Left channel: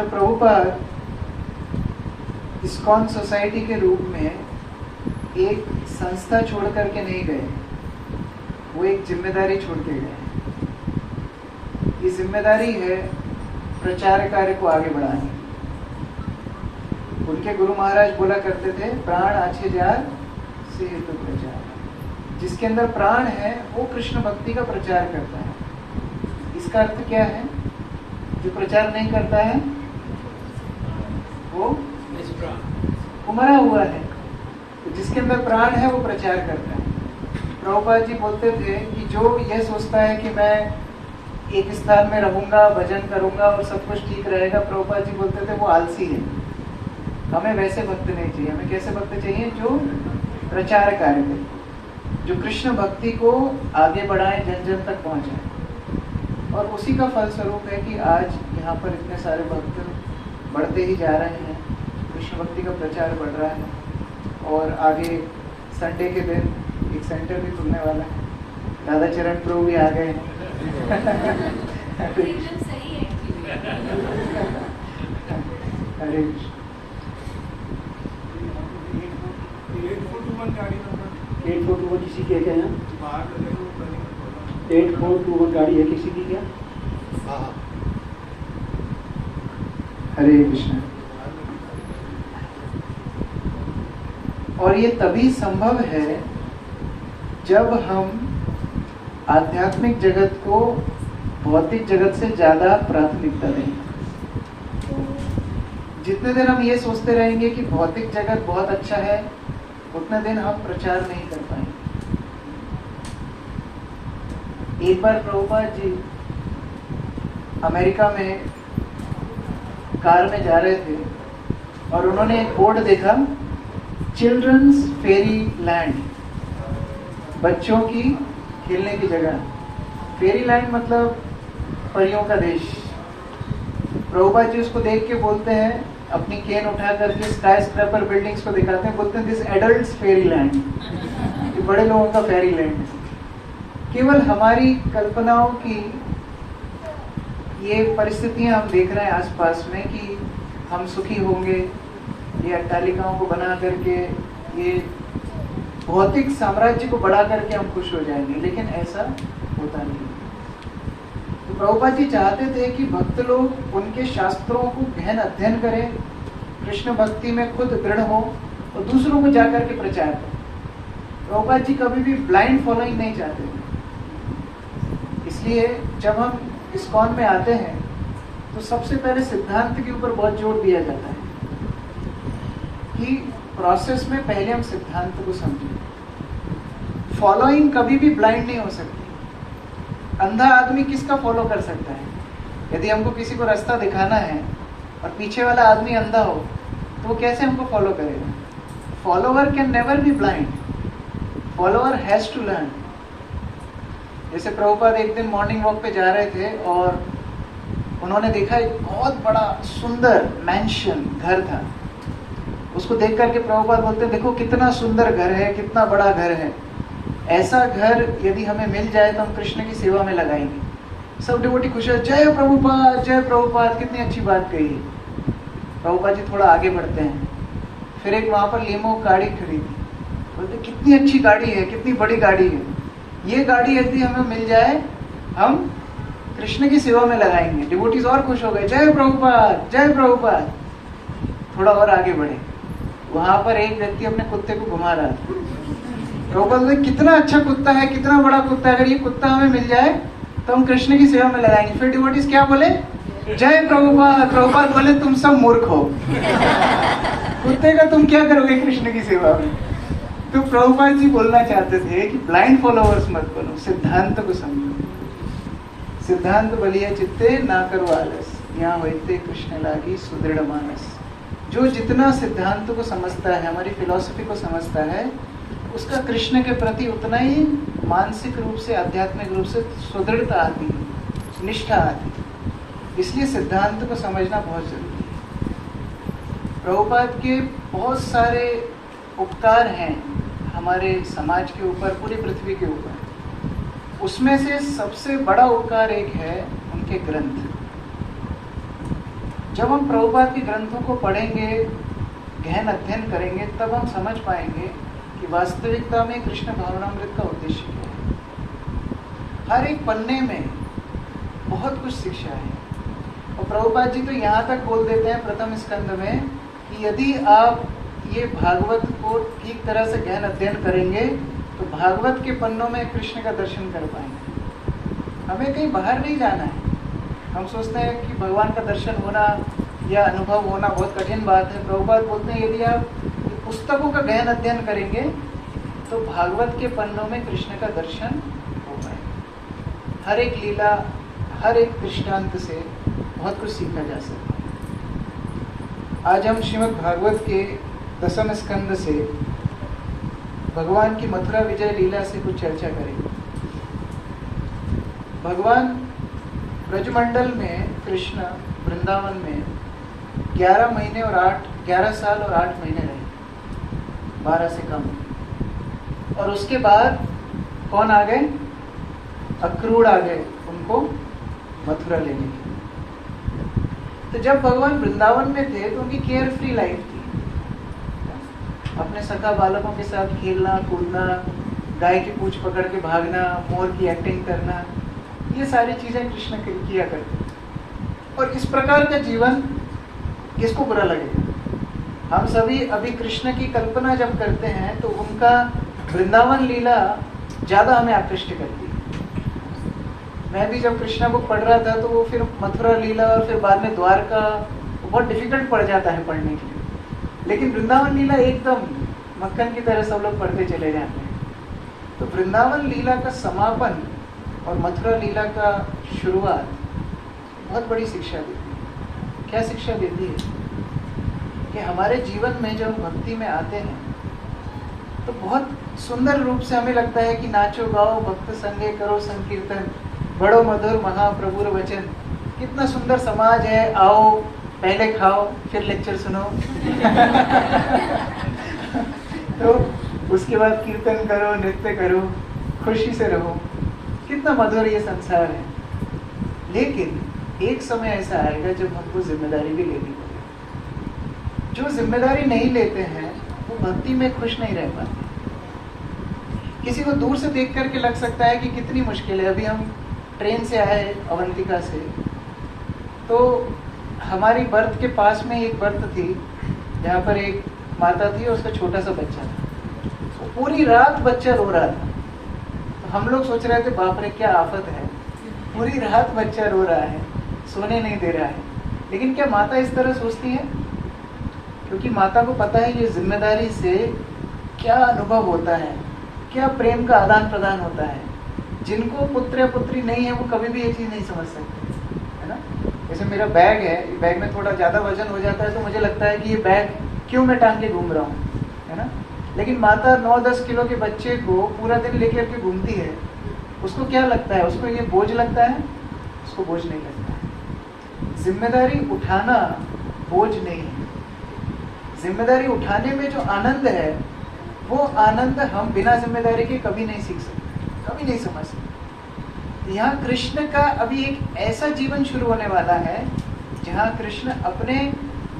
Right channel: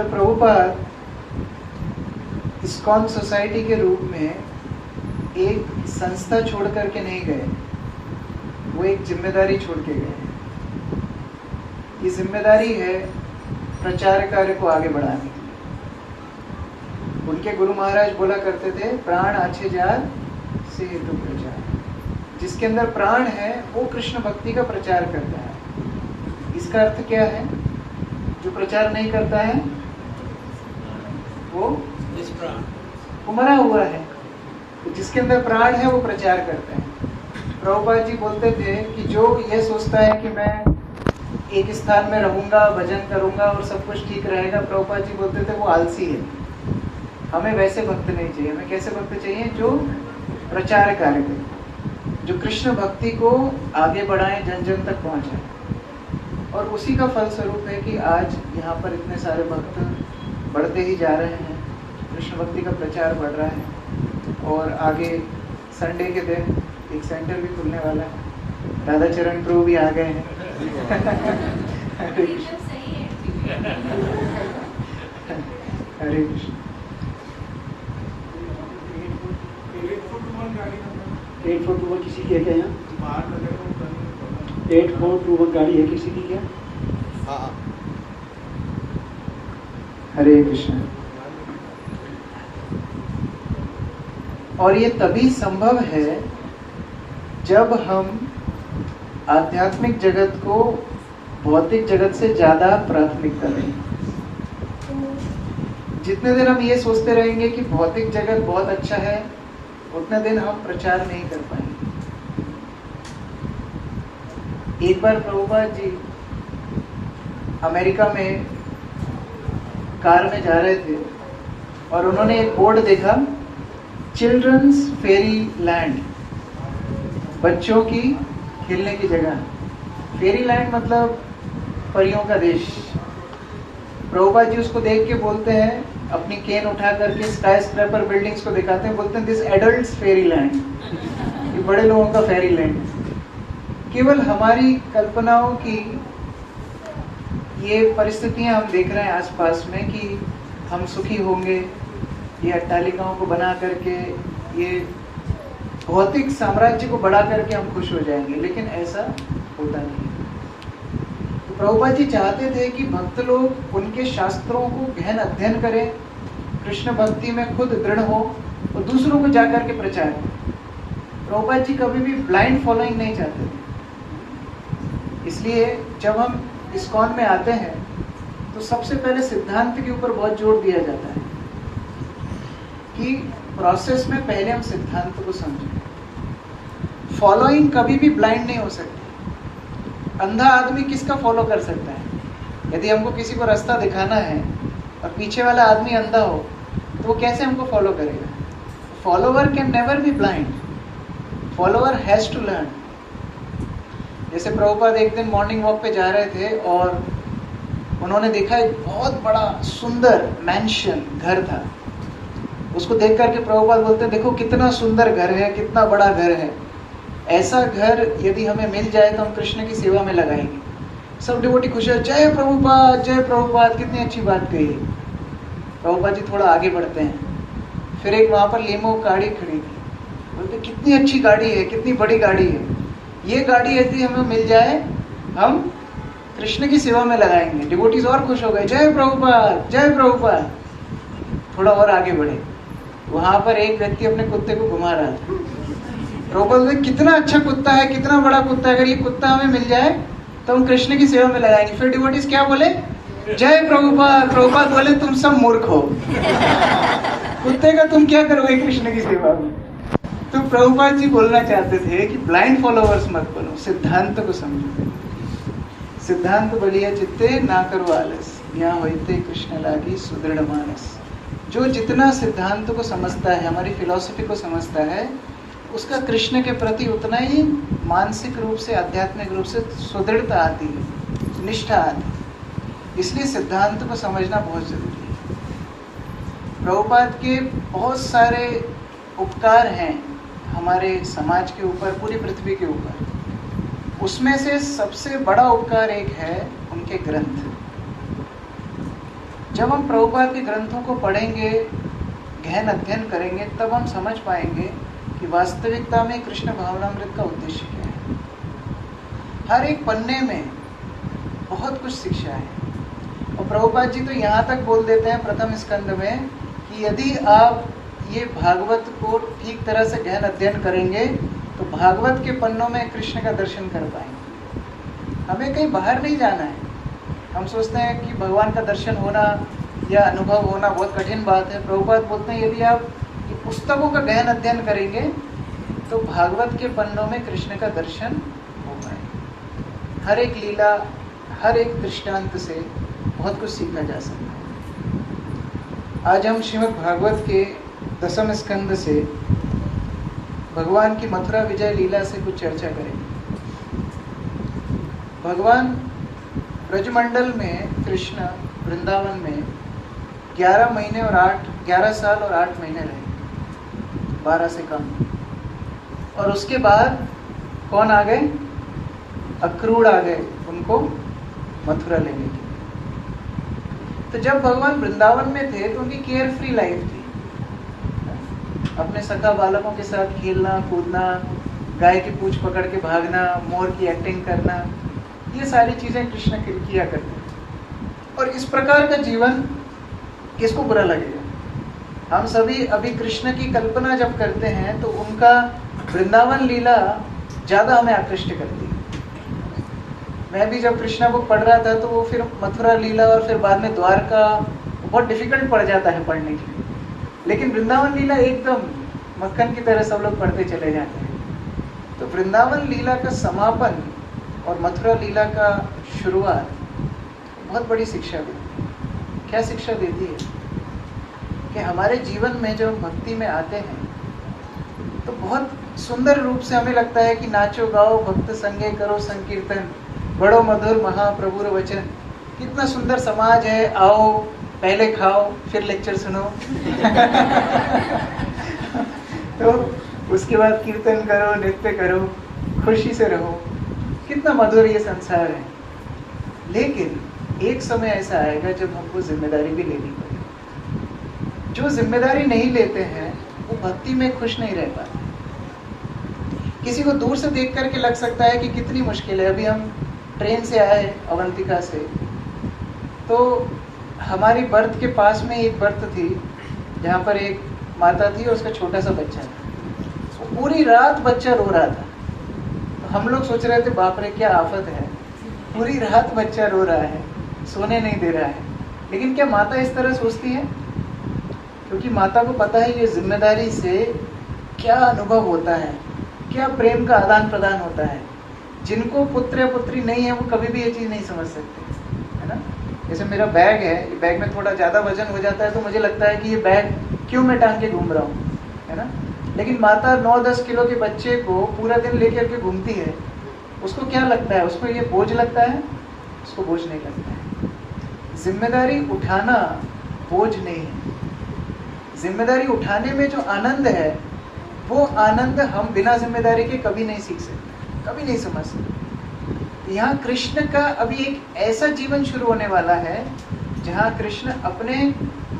Srila Prabhupada ISKCON society के रूप में एक संस्था छोड़ करके नहीं गए, वो एक जिम्मेदारी छोड़ के गए। ये जिम्मेदारी है प्रचार कार्य को आगे बढ़ाने। उनके गुरु महाराज बोला करते थे, प्राण अच्छे जार से हेतु प्रचार। जिसके अंदर प्राण है वो कृष्ण भक्ति का प्रचार करता है। इसका अर्थ क्या है? जो प्रचार नहीं करता है वो मरा हुआ है। तो जिसके अंदर प्राण है वो प्रचार करता है। प्रभुपाद जी बोलते थे कि जो ये सोचता है कि मैं एक स्थान में रहूंगा, भजन करूंगा और सब कुछ ठीक रहेगा, प्रभुपाद जी बोलते थे वो आलसी है। हमें वैसे भक्त नहीं चाहिए। हमें कैसे भक्त चाहिए? जो प्रचार कार्य करें, जो कृष्ण भक्ति को आगे बढ़ाए, जन जन तक पहुंचाए। और उसी का फलस्वरूप है कि आज यहाँ पर इतने सारे भक्त बढ़ते ही जा रहे हैं, कृष्ण भक्ति का प्रचार बढ़ रहा है। और आगे संडे के दिन एक सेंटर भी खुलने वाला है। राधा चरण प्रभु भी आ गए हैं। हरे कृष्ण। 8421 किसी के क्या है? 8421 गाड़ी है किसी की क्या? हरे कृष्ण। और ये तभी संभव है जब हम आध्यात्मिक जगत को भौतिक जगत से ज्यादा प्राथमिकता दें। जितने दिन हम ये सोचते रहेंगे कि भौतिक जगत बहुत अच्छा है, उतने दिन हम प्रचार नहीं कर पाएंगे। एक बार प्रभुपाद जी अमेरिका में कार में जा रहे थे और उन्होंने एक बोर्ड देखा, चिल्ड्रंस फेरी लैंड, बच्चों की खेलने की जगह। फेरी लैंड मतलब परियों का देश। प्रभुपाद जी उसको देख के बोलते हैं, अपनी केन उठा करके स्काई स्क्रैपर बिल्डिंग्स को दिखाते हैं, बोलते हैं दिस एडल्ट्स फेरी लैंड, ये बड़े लोगों का फेरी लैंड। केवल हमारी कल्पनाओं की ये परिस्थितियां हम देख रहे हैं आसपास में कि हम सुखी होंगे, ये अट्टालिकाओं को बना करके, ये भौतिक साम्राज्य को बढ़ा करके हम खुश हो जाएंगे, लेकिन ऐसा होता नहीं। तो प्रभुपाद जी चाहते थे कि भक्त लोग उनके शास्त्रों को गहन अध्ययन करें, कृष्ण भक्ति में खुद दृढ़ हो और दूसरों को जाकर के प्रचार करें। प्रभुपाद जी कभी भी ब्लाइंड फॉलोइंग नहीं चाहते थे। इसलिए जब हम इस्कॉन में आते हैं तो सबसे पहले सिद्धांत के ऊपर बहुत जोर दिया जाता है कि प्रोसेस में पहले हम सिद्धांत को समझें। फॉलोइंग कभी भी ब्लाइंड नहीं हो सकती। अंधा आदमी किसका फॉलो कर सकता है? यदि हमको किसी को रास्ता दिखाना है और पीछे वाला आदमी अंधा हो तो वो कैसे हमको फॉलो करेगा? Follower can never be blind, follower has to learn. जैसे प्रभुपाद एक दिन मॉर्निंग वॉक पे जा रहे थे और उन्होंने देखा एक बहुत बड़ा सुंदर मैंशन घर था। उसको देख करके प्रभुपाद बोलते हैं, देखो कितना सुंदर घर है, कितना बड़ा घर है। ऐसा घर यदि हमें मिल जाए तो हम कृष्ण की सेवा में लगाएंगे। सब डिवोटी खुश है, जय प्रभुपाद, जय प्रभुपाद, कितनी अच्छी बात कही। प्रभुपाद जी थोड़ा आगे बढ़ते हैं, फिर एक वहां पर लीमो गाड़ी खड़ी थी। बोलते कितनी अच्छी गाड़ी है, कितनी बड़ी गाड़ी है, ये गाड़ी यदि हमें मिल जाए हम कृष्ण की सेवा में लगाएंगे। डिवोटीज और खुश हो गए, जय प्रभुपाद, जय प्रभुपाद। थोड़ा और आगे बढ़े, वहां पर एक व्यक्ति अपने कुत्ते को घुमा रहा था। प्रभुपाद कितना अच्छा कुत्ता है, कितना बड़ा कुत्ता है, अगर ये कुत्ता हमें मिल जाए तो हम कृष्ण की सेवा में लगाएंगे। फिर डिवोटीज क्या बोले? जय प्रभुपाद। प्रभुपाद बोले तुम सब मूर्ख हो, कुत्ते का तुम क्या करोगे कृष्ण की सेवा में? तो प्रभुपाद जी बोलना चाहते थे कि ब्लाइंड फॉलोअर्स मत बनो, सिद्धांत को समझो। सिद्धांत बलिया चित्ते ना करो आलस, यहाँ होते कृष्ण लागी सुदृढ़ मानस। जो जितना सिद्धांत को समझता है, हमारी फिलॉसफी को समझता है, उसका कृष्ण के प्रति उतना ही मानसिक रूप से, आध्यात्मिक रूप से सुदृढ़ता आती है, निष्ठा आती है। इसलिए सिद्धांत को समझना बहुत जरूरी है। प्रभुपाद के बहुत सारे उपकार हैं हमारे समाज के ऊपर, पूरी पृथ्वी के ऊपर। उसमें से सबसे बड़ा उपकार एक है उनके ग्रंथ। जब हम प्रभुपाद के ग्रंथों को पढ़ेंगे, गहन अध्ययन करेंगे, तब हम समझ पाएंगे कि वास्तविकता में कृष्ण भावनामृत का उद्देश्य क्या है। हर एक पन्ने में बहुत कुछ शिक्षा है। और प्रभुपाद जी तो यहाँ तक बोल देते हैं प्रथम स्कंद में कि यदि आप ये भागवत को ठीक तरह से गहन अध्ययन करेंगे तो भागवत के पन्नों में कृष्ण का दर्शन कर पाएंगे। हमें कहीं बाहर नहीं जाना है। हम सोचते हैं कि भगवान का दर्शन होना या अनुभव होना बहुत कठिन बात है। प्रभुपाद बोलते हैं यदि आप पुस्तकों का गहन अध्ययन करेंगे तो भागवत के पन्नों में कृष्ण का दर्शन हो पाएगा। हर एक लीला, हर एक दृष्टांत से बहुत कुछ सीखा जा सकता है। आज हम श्रीमद् भागवत के 10वें स्कंद से भगवान की मथुरा विजय लीला से कुछ चर्चा करेंगे। भगवान ब्रजमंडल में, कृष्ण वृंदावन में 11 साल और 8 महीने रहे, 12 से कम। और उसके बाद कौन आ गए? अक्रूर आ गए उनको मथुरा लेने के लिए। तो जब भगवान वृंदावन में थे तो उनकी केयर फ्री लाइफ थी। अपने सखा बालकों के साथ खेलना कूदना, गाय की पूंछ पकड़ के भागना, मोर की एक्टिंग करना, ये सारी चीजें कृष्ण किया करते। और इस प्रकार का जीवन किसको बुरा लगेगा? हम सभी अभी कृष्ण की कल्पना जब करते हैं तो उनका वृंदावन लीला ज्यादा हमें आकृष्ट करती है। मैं भी जब कृष्णा बुक पढ़ रहा था तो वो फिर मथुरा लीला और फिर बाद में द्वारका बहुत डिफिकल्ट पड़ जाता है पढ़ने के लिए। लेकिन वृंदावन लीला एकदम मक्खन की तरह सब लोग पढ़ते चले जाते हैं। तो वृंदावन लीला का समापन और मथुरा लीला का शुरुआत बहुत बड़ी शिक्षा देती है। क्या शिक्षा देती है? कि हमारे जीवन में जब हम भक्ति में आते हैं तो बहुत सुंदर रूप से हमें लगता है कि नाचो गाओ भक्त संगे करो संकीर्तन, बड़ो मधुर महाप्रभुर वचन। कितना सुंदर समाज है, आओ पहले खाओ फिर लेक्चर सुनो तो उसके बाद कीर्तन करो, नृत्य करो, खुशी से रहो। कितना मधुर ये संसार है। लेकिन एक समय ऐसा आएगा जब हमको जिम्मेदारी भी लेनी पड़ेगी। जो जिम्मेदारी नहीं लेते हैं वो भक्ति में खुश नहीं रह पाते। किसी को दूर से देख करके लग सकता है कि कितनी मुश्किल है। अभी हम ट्रेन से आए अवंतिका से, तो हमारी बर्थ के पास में एक बर्थ थी जहाँ पर एक माता थी और उसका छोटा सा बच्चा था। तो पूरी रात बच्चा रो रहा था। तो हम लोग सोच रहे थे बाप रे क्या आफत है, पूरी रात बच्चा रो रहा है, सोने नहीं दे रहा है। लेकिन क्या माता इस तरह सोचती है? क्योंकि माता को पता है ये जिम्मेदारी से क्या अनुभव होता है, क्या प्रेम का आदान प्रदान होता है। जिनको पुत्र या पुत्री नहीं है वो कभी भी ये चीज नहीं समझ सकते, है ना। जैसे मेरा बैग है, बैग में थोड़ा ज्यादा वजन हो जाता है तो मुझे लगता है कि ये बैग क्यों मैं टांग के घूम रहा हूँ, है ना। लेकिन माता 9-10 किलो के बच्चे को पूरा दिन लेकर के घूमती है, उसको क्या लगता है? उसको ये बोझ लगता है? उसको बोझ नहीं लगता है। जिम्मेदारी उठाना बोझ नहीं है। जिम्मेदारी उठाने में जो आनंद है वो आनंद हम बिना जिम्मेदारी के कभी नहीं सीख सकते, कभी नहीं समझ सकते। यहाँ कृष्ण का अभी एक ऐसा जीवन शुरू होने वाला है जहाँ कृष्ण अपने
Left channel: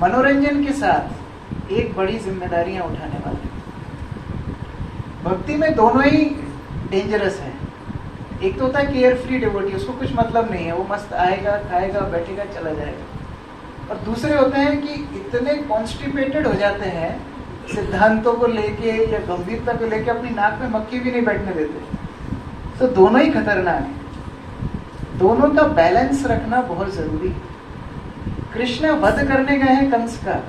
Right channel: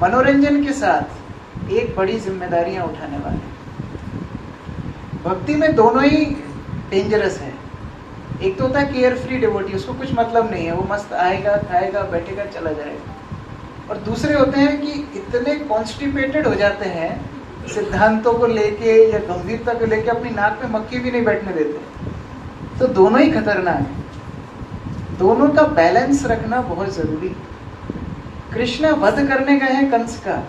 मनोरंजन के साथ एक बड़ी जिम्मेदारियां उठाने वाले हैं। भक्ति में दोनों ही डेंजरस है। एक तो होता है केयर फ्री डिवोटी, उसको कुछ मतलब नहीं है, वो मस्त आएगा खाएगा बैठेगा चला जाएगा। और दूसरे होते हैं कि इतने कॉन्स्टिपेटेड हो जाते हैं सिद्धांतों को लेके या गंभीरता को लेके, अपनी नाक में मक्खी भी नहीं बैठने देते। तो दोनों ही खतरनाक है। दोनों का बैलेंस रखना बहुत जरूरी है। कृष्ण वध करने गए हैं कंस का,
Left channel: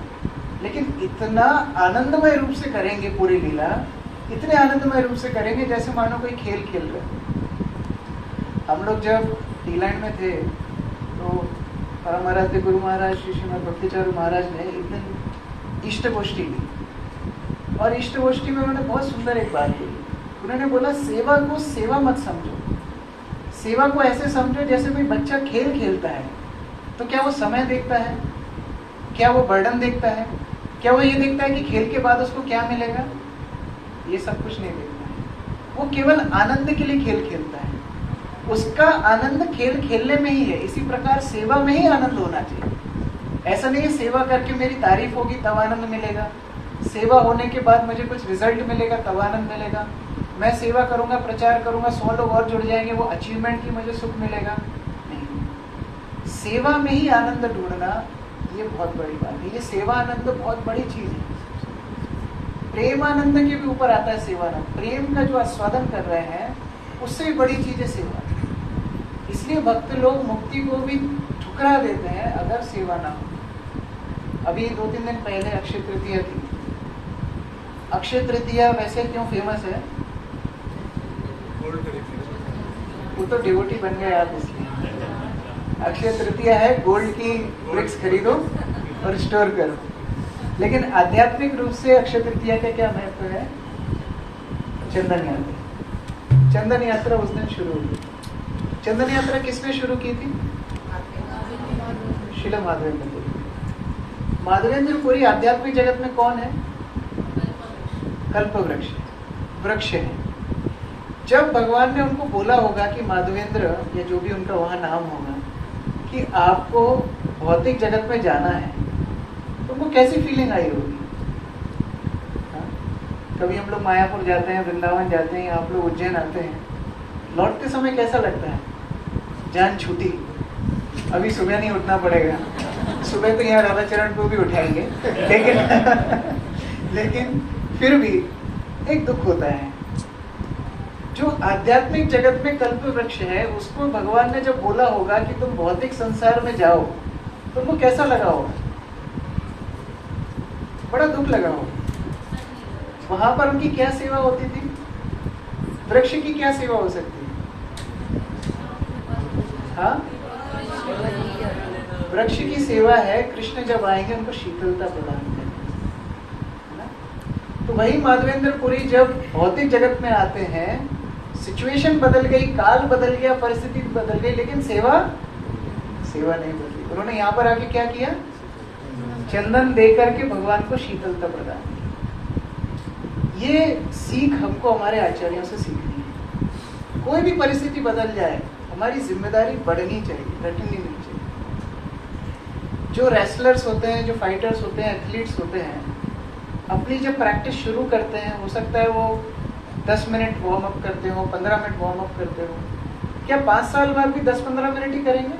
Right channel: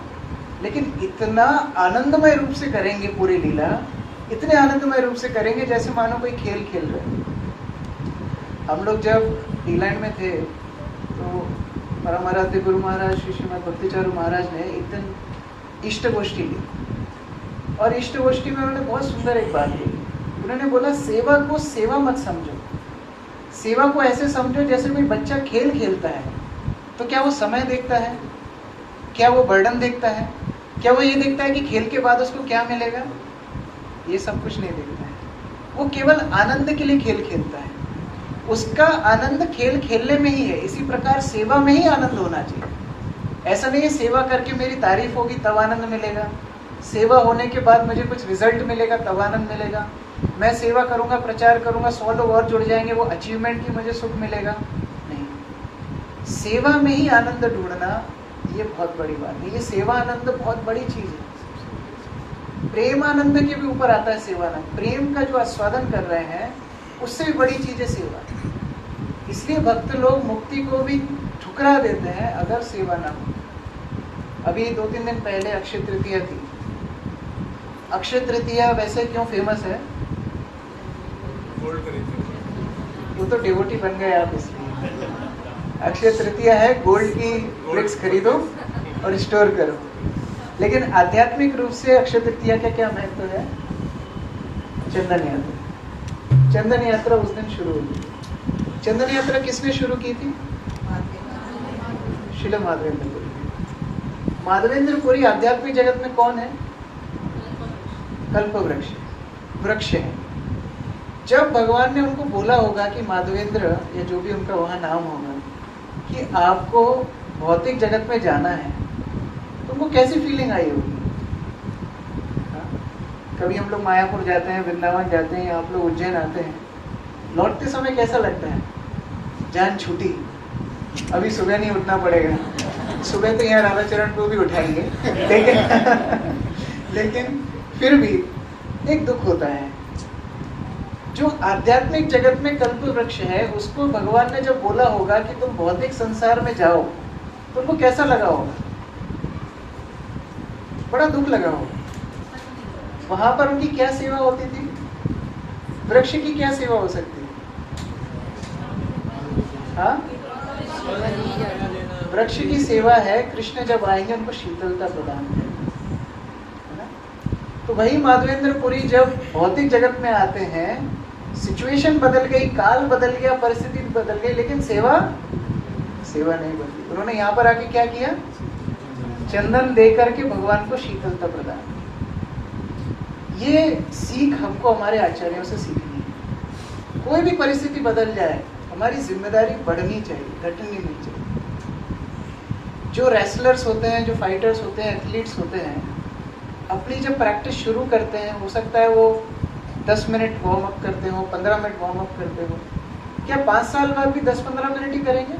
लेकिन इतना आनंदमय रूप से करेंगे पूरी लीला, इतने आनंदमय रूप से करेंगे जैसे मानो कोई खेल खेल रहे। हम लोग जब डी-लैंड में थे तो परम आराध्य गुरु महाराज श्री श्रीमद भक्तिचारू महाराज ने एक दिन इष्ट गोष्ठी ली, और इष्ट गोष्ठी में उन्होंने बहुत सुंदर एक बात बोली। उन्होंने बोला सेवा को सेवा मत समझो, सेवा को ऐसे समझो जैसे कोई बच्चा खेल खेलता है। तो क्या वो समय देखता है? क्या वो बर्डन देखता है? क्या वो ये देखता है कि खेल के बाद उसको क्या मिलेगा? ये सब कुछ नहीं देखता है। वो केवल आनंद के लिए खेल खेलता है। उसका आनंद खेल खेलने में ही है। इसी प्रकार सेवा में ही आनंद होना चाहिए। ऐसा नहीं है सेवा करके मेरी तारीफ होगी तब आनंद मिलेगा, सेवा होने के बाद मुझे कुछ रिजल्ट मिलेगा तब आनंद मिलेगा, मैं सेवा करूंगा, प्रचार करूंगा, 100 लोग और जुड़ जाएंगे, वो अचीवमेंट ही मुझे सुख मिलेगा। नहीं, सेवा में ही आनंद ढूंढना ये बहुत बड़ी बात है। ये सेवा आनंद बहुत बड़ी चीज है। प्रेम आनंद के भी ऊपर आता है सेवा आनंद। प्रेम का जो आस्वादन कर रहे हैं उससे भी बड़ी चीज है सेवा। इसलिए भक्त लोग मुक्ति को भी ठुकरा देते हैं अगर सेवा ना हो। अभी 2-3 दिन पहले अक्षय तृतीया थी। अक्षय तृतीया वैसे क्यों फेमस है? वो तो डिवोटी बन गए आप इसलिए। अक्षय तृतीया है गोल्ड की ब्रिक्स खरीदो और स्टोर करो। लेकिन आध्यात्मिक रूप से अक्षय तृतीया का क्या महत्व है? चंदन यात्रा। चंदन यात्रा उस दिन शुरू हुई। चंदन यात्रा किसने शुरू की थी? श्रील माधवेंद्रपुरी। माधवेंद्रपुरी आध्यात्मिक जगत में कौन है? कल्प वृक्ष है। जब भगवान ने उनको बोला होगा कि माधवेंद्र या जो भी उनका वहां नाम होगा कि आपको भौतिक जगत में जाना है, तो उनको कैसी फीलिंग आई होगी? कभी हम लोग मायापुर जाते हैं, वृंदावन जाते हैं, आप लोग उज्जैन आते हैं, लौटते समय कैसा लगता है? जान छूटी, अभी सुबह नहीं उठना पड़ेगा। सुबह तो यहाँ राधा चरण को भी उठाएंगे, लेकिन फिर भी एक दुख होता है। जो आध्यात्मिक जगत में कल्प वृक्ष है, उसको भगवान ने जब बोला होगा कि तुम भौतिक संसार में जाओ, तो उनको कैसा लगा होगा? बड़ा दुख लगा होगा। वहां पर उनकी क्या सेवा होती थी? वृक्ष की क्या सेवा हो सकती है? हाँ, वृक्ष की सेवा है कृष्ण जब आएंगे उनको शीतलता प्रदान करें। तो वही माधवेंद्रपुरी जब भौतिक जगत में आते हैं, सिचुएशन बदल गई, काल बदल गया, परिस्थिति बदल गई, लेकिन सेवा नहीं बदली। उन्होंने यहाँ पर आके क्या किया? चंदन दे करके भगवान को शीतलता प्रदान। ये सीख हमको हमारे आचार्यों से सीखनी है। कोई भी परिस्थिति बदल जाए, हमारी जिम्मेदारी बढ़नी चाहिए, घटनी नहीं चाहिए। जो रेसलर्स होते हैं, जो फाइटर्स होते हैं, एथलीट्स होते हैं, अपनी जब प्रैक्टिस शुरू करते हैं, हो सकता है वो 10 मिनट वार्म अप करते हो, 15 मिनट वार्म अप करते हो। क्या 5 साल बाद भी 10-15 मिनट ही करेंगे?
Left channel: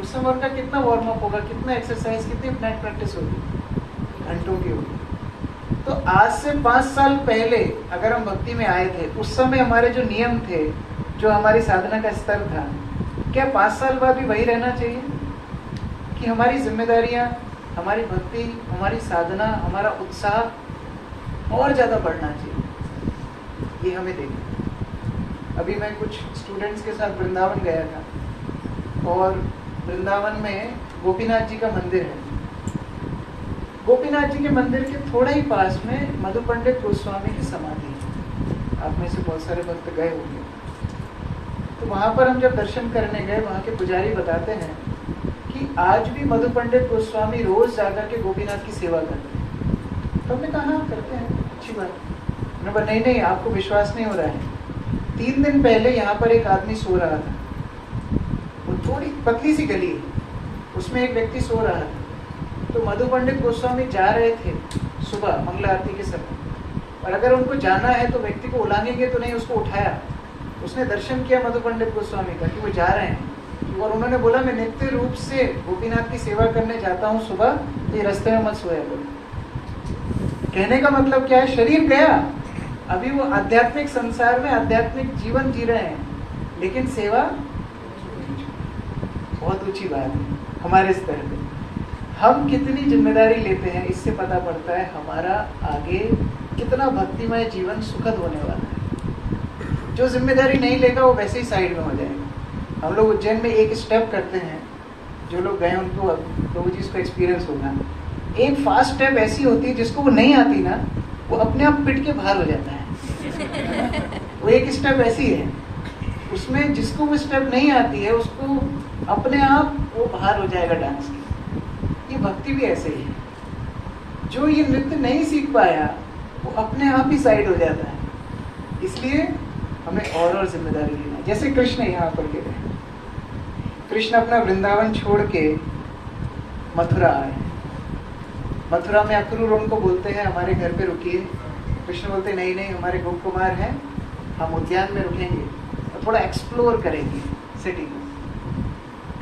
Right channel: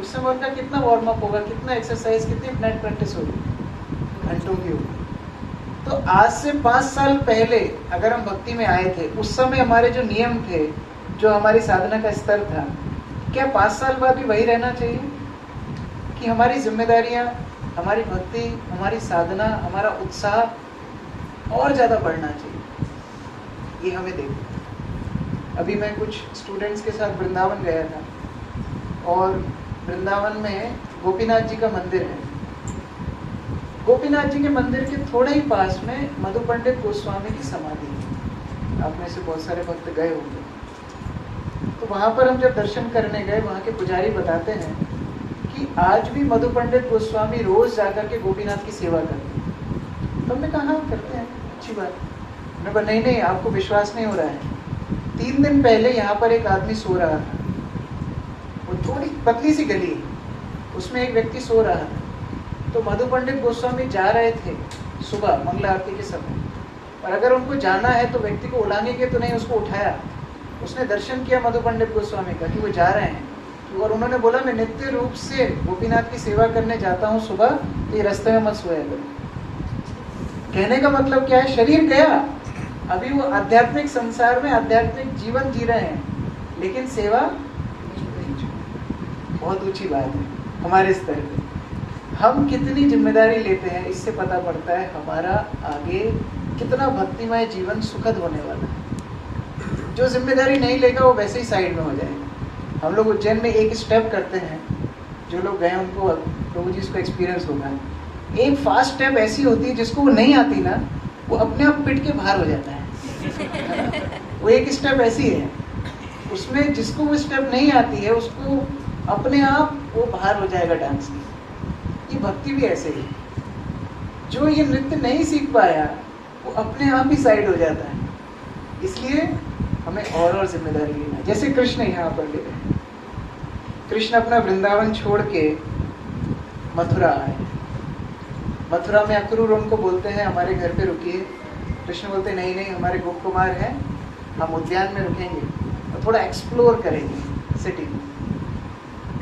उस समय उनका कितना वार्म अप होगा, कितना एक्सरसाइज, कितनी नेट प्रैक्टिस होगी? घंटों की होगी। तो आज से 5 साल पहले अगर हम भक्ति में आए थे, उस समय हमारे जो नियम थे, जो हमारी साधना का स्तर था, क्या 5 साल बाद भी वही रहना चाहिए? कि हमारी जिम्मेदारियां, हमारी भक्ति, हमारी साधना, हमारा उत्साह और ज्यादा बढ़ना चाहिए। ये हमें देखना। अभी मैं कुछ स्टूडेंट्स के साथ वृंदावन गया था और वृंदावन में गोपीनाथ जी का मंदिर है। गोपीनाथ जी के मंदिर के थोड़ा ही पास में मधु पंडित गोस्वामी की समाधि है। आप में से बहुत सारे भक्त गए होंगे। तो वहां पर हम जब दर्शन करने गए, वहां के पुजारी बताते हैं कि आज भी मधु पंडित गोस्वामी रोज जाकर के गोपीनाथ की सेवा करते हैं। तो हमने कहा हाँ करते हैं, अच्छी बात। उन्होंने कहा नहीं, आपको विश्वास नहीं हो रहा है। 3 दिन पहले यहाँ पर एक आदमी सो रहा था। वो थोड़ी पतली सी गली, उसमें एक व्यक्ति सो रहा था। तो मधु पंडित गोस्वामी जा रहे थे सुबह मंगला आरती के समय, और अगर उनको जाना है तो व्यक्ति को उलांगेंगे तो नहीं, उसको उठाया। उसने दर्शन किया मधु पंडित गोस्वामी का कि वो जा रहे हैं, और उन्होंने बोला मैं नित्य रूप से गोपीनाथ की सेवा करने जाता हूँ सुबह, तो ये रास्ते में मत सोया करो। कहने का मतलब क्या है? शरीर गया, अभी वो आध्यात्मिक संसार में आध्यात्मिक जीवन जी रहे हैं, लेकिन सेवा बहुत ऊंची बात है। हमारे स्तर पे हम कितनी जिम्मेदारी लेते हैं, इससे पता पड़ता है हमारा आगे कितना भक्तिमय जीवन सुखद होने वाला है। जो जिम्मेदारी नहीं लेगा वो वैसे ही साइड में हो जाएगा। हम लोग उज्जैन में एक स्टेप करते हैं, जो लोग गए उनको, प्रभु जी इसको एक्सपीरियंस होगा। एक फास्ट स्टेप ऐसी होती है जिसको वो नहीं आती ना, वो अपने आप पिट के बाहर हो जाता है। वो एक स्टेप ऐसी है, उसमें जिसको वो स्टेप नहीं आती है उसको अपने आप वो बाहर हो जाएगा डांस की। ये भक्ति भी ऐसे ही है। जो ये नृत्य नहीं सीख पाया वो अपने आप ही साइड हो जाता है। इसलिए हमें और जिम्मेदारी लेना है। जैसे कृष्ण यहाँ पर ले रहे हैं, कृष्ण अपना वृंदावन छोड़ के मथुरा आए। मथुरा में अक्रूर उनको बोलते हैं हमारे घर पे रुकिए। कृष्ण बोलते नहीं नहीं, हमारे गोप कुमार हैं, हम उद्यान में रुकेंगे और थोड़ा एक्सप्लोर करेंगे सिटी को।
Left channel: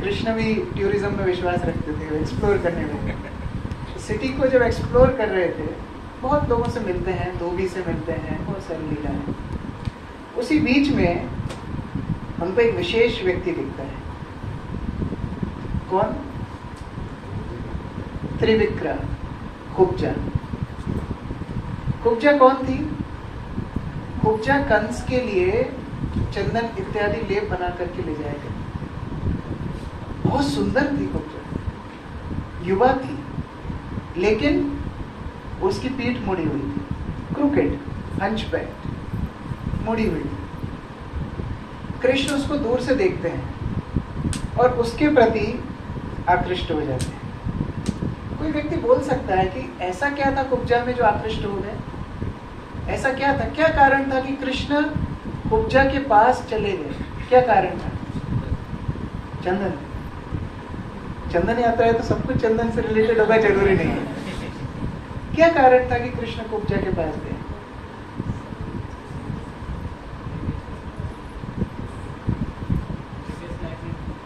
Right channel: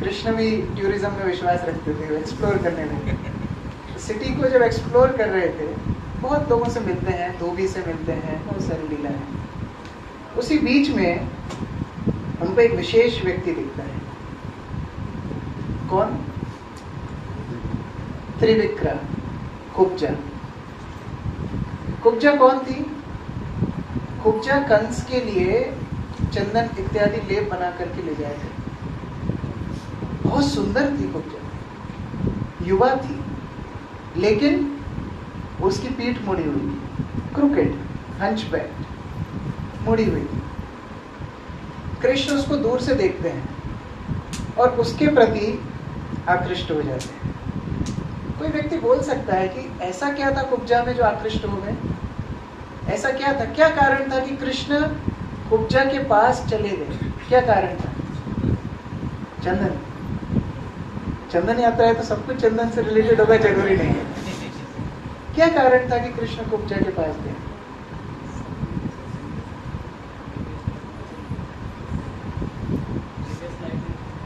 कृष्ण भी टूरिज्म में विश्वास रखते थे, एक्सप्लोर करने में। सिटी को जब एक्सप्लोर कर रहे थे, बहुत लोगों से मिलते हैं, धोबी से मिलते हैं, बहुत सारी लीला है। उसी बीच में हमको एक विशेष व्यक्ति दिखता है। कौन? त्रिविक्रा, कुब्जा। कुब्जा कौन थी? कुब्जा कंस के लिए चंदन इत्यादि लेप बना करके ले जाए थे। बहुत सुंदर थी कुब्जा, युवा थी, लेकिन उसकी पीठ मुड़ी हुई थी, क्रूकेड, हंचबैक, मुड़ी हुई थी। कृष्ण उसको दूर से देखते हैं और उसके प्रति आकृष्ट हो जाते हैं। कोई व्यक्ति बोल सकता है कि ऐसा क्या था कुब्जा में जो आकृष्ट हो गए? ऐसा क्या था, क्या कारण था कि कृष्ण कुब्जा के पास चले गए? क्या कारण था? चंदन। चंदन आता है तो सब कुछ चंदन से रिलेटेड होगा, जरूरी नहीं है। क्या कारण था कि कृष्ण कुब्जा के पास गए?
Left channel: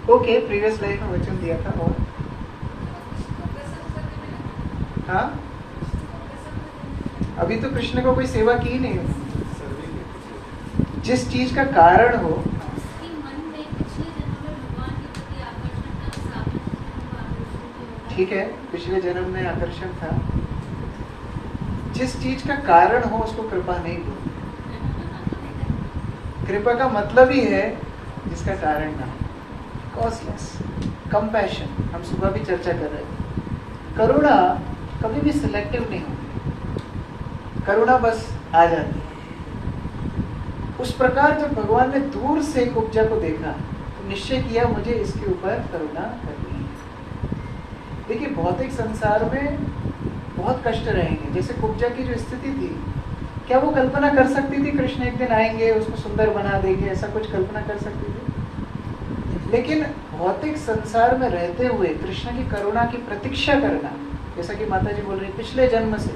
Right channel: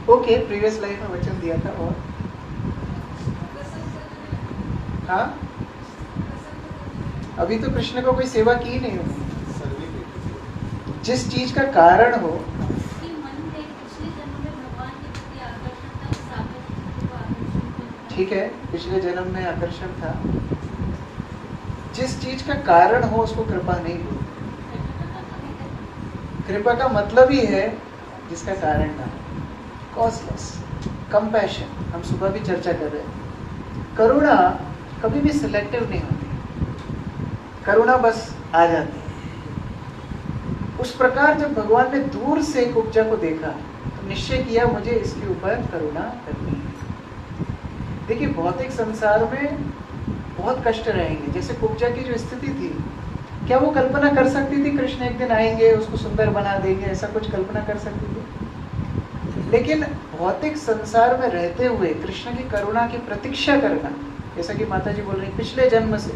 ओके, प्रीवियस लाइफ में वचन दिया था। और हाँ, अभी तो कृष्ण को कोई सेवा की नहीं होगी। जिस चीज का कारण हो, ठीक है, पिछले जन्म में आकर्षण था। जिस चीज का कारण हो उसको कृपा नहीं बोलते। कृपा का मतलब ही है जिसका कारण ना हो। कॉस्टलेस कंपैशन, हम सुबह भी चर्चा कर रहे हैं। करुणा कभी भी सिलेक्टिव नहीं होती, करुणा बस आ जाती है। उस प्रकार जब भगवान ने दूर से कुब्जा को देखा तो निश्चय किया मुझे इसके ऊपर करुणा करनी है। देखिए, भौतिक संसार में बहुत कष्ट रहेंगे। जैसे कुब्जा की जो स्थिति थी, क्या वो कल्पना कर सकती थी कृष्ण एक दिन आएंगे, उसको सुंदर बना देंगे? ऐसा कुछ कल्पना कर सकती थी? लेकिन भौतिक संसार में रहते हुए कृष्ण की करुणा की प्रतीक्षा करना, जैसा कि माता जी बोल रही पिछले जन्म से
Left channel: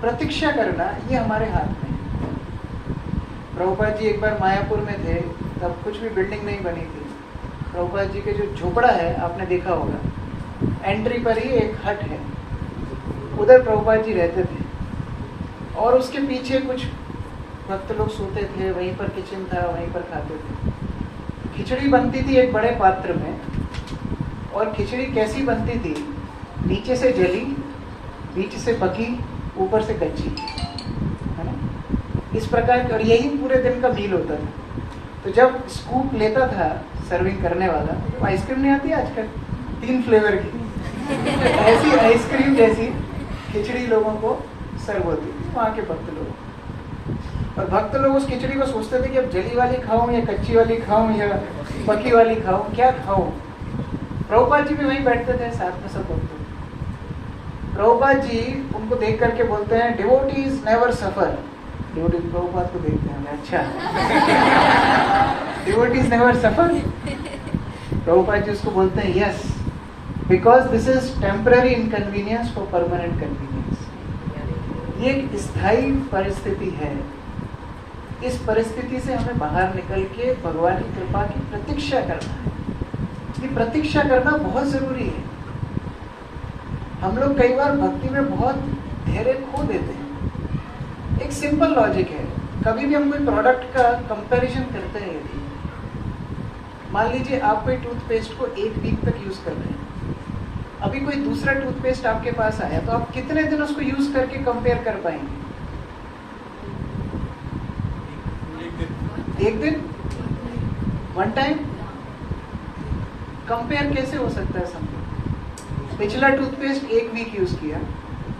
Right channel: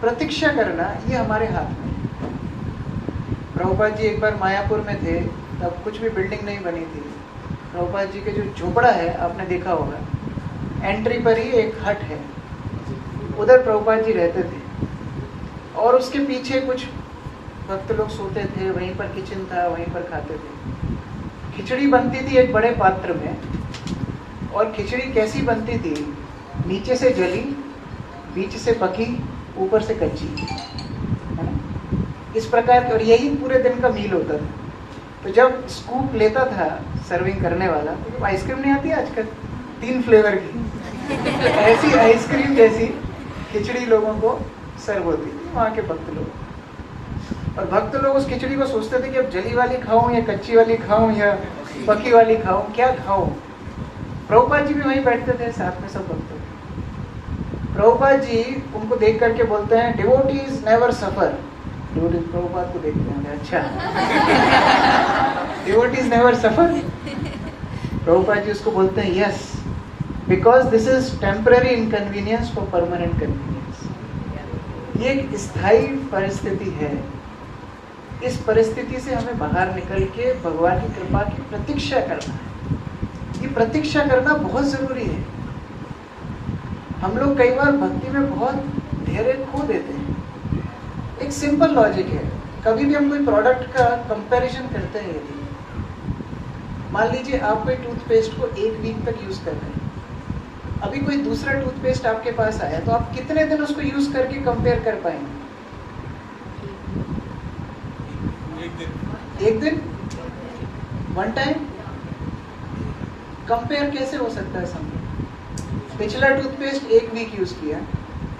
प्रतीक्षा करना, ये हमारे हाथ में है। प्रभुपाद जी एक बार मायापुर में थे, तब कुछ भी बिल्डिंग नहीं बनी थी। प्रभुपाद जी के जो झोपड़ा है आपने देखा होगा, एंट्री पर ही एक हट है, उधर प्रभुपाद जी रहते थे। और उसके पीछे कुछ भक्त लोग सोते थे, वहीं पर किचन था, वहीं पर खाते थे। खिचड़ी बनती थी एक बड़े पात्र में, और खिचड़ी कैसी बनती थी? नीचे से जली, बीच से पकी, ऊपर से कच्ची, है ना? इस प्रकार की, और यही पूरे दिन का मील होता था। तो जब स्कूप लेता था सर्विंग करने वाला, तो आइसक्रीम नहीं आती आजकल 3 फ्लेवर की, ऐसी आइसक्रीम जैसी खिचड़ी लोगों को सर्व होती थी वहाँ के भक्त लोग। और भक्त लोग उस खिचड़ी को सोचते थे कि अब जली वाली खाऊं या कच्ची वाली खाऊं या पकी वाली खाऊं, क्या खाऊं? प्रभुपाद जी भी वहीं बैठते थे साथ में सब भक्त। प्रभुपाद जी उनको देख करके बोलते हैं, डिवोटीज नेवर सफर। डिवोटीज प्रभुपाद को देखते हैं, अच्छा डिवोटीज नेवर सफर। प्रभुपाद जी उसको बोलते हैं, yes, because this is temporary inconvenience for permanent convenience. ये एक स्थायी परिस्थिति है। इस परिस्थिति से हमें बाहर निकल के भगवान की कृपा की प्रतीक्षा करना है। ये प्रतीक्षा करना बहुत जरूरी है। हम लोग कई बार भक्ति में बहुत धैर्य खो देते हैं। एक सिंपल लॉजिक है, कभी भी हम कोई प्रोडक्ट का कंपैरिजन करते हैं, यदि मान लीजिए आप कोई टूथपेस्ट को 1 वीक तक यूज कर रहे हैं, अभी कोई दूसरा टूथपेस्ट आपके पास आया, तो आप कितने दिन उसको यूज करके कंपेयर कर पाएंगे? 1 दिन, 1 टाइम। कंपेयर कैसे हो सकता है? समझो, पिछला टूथपेस्ट 1 वीक यूज किया,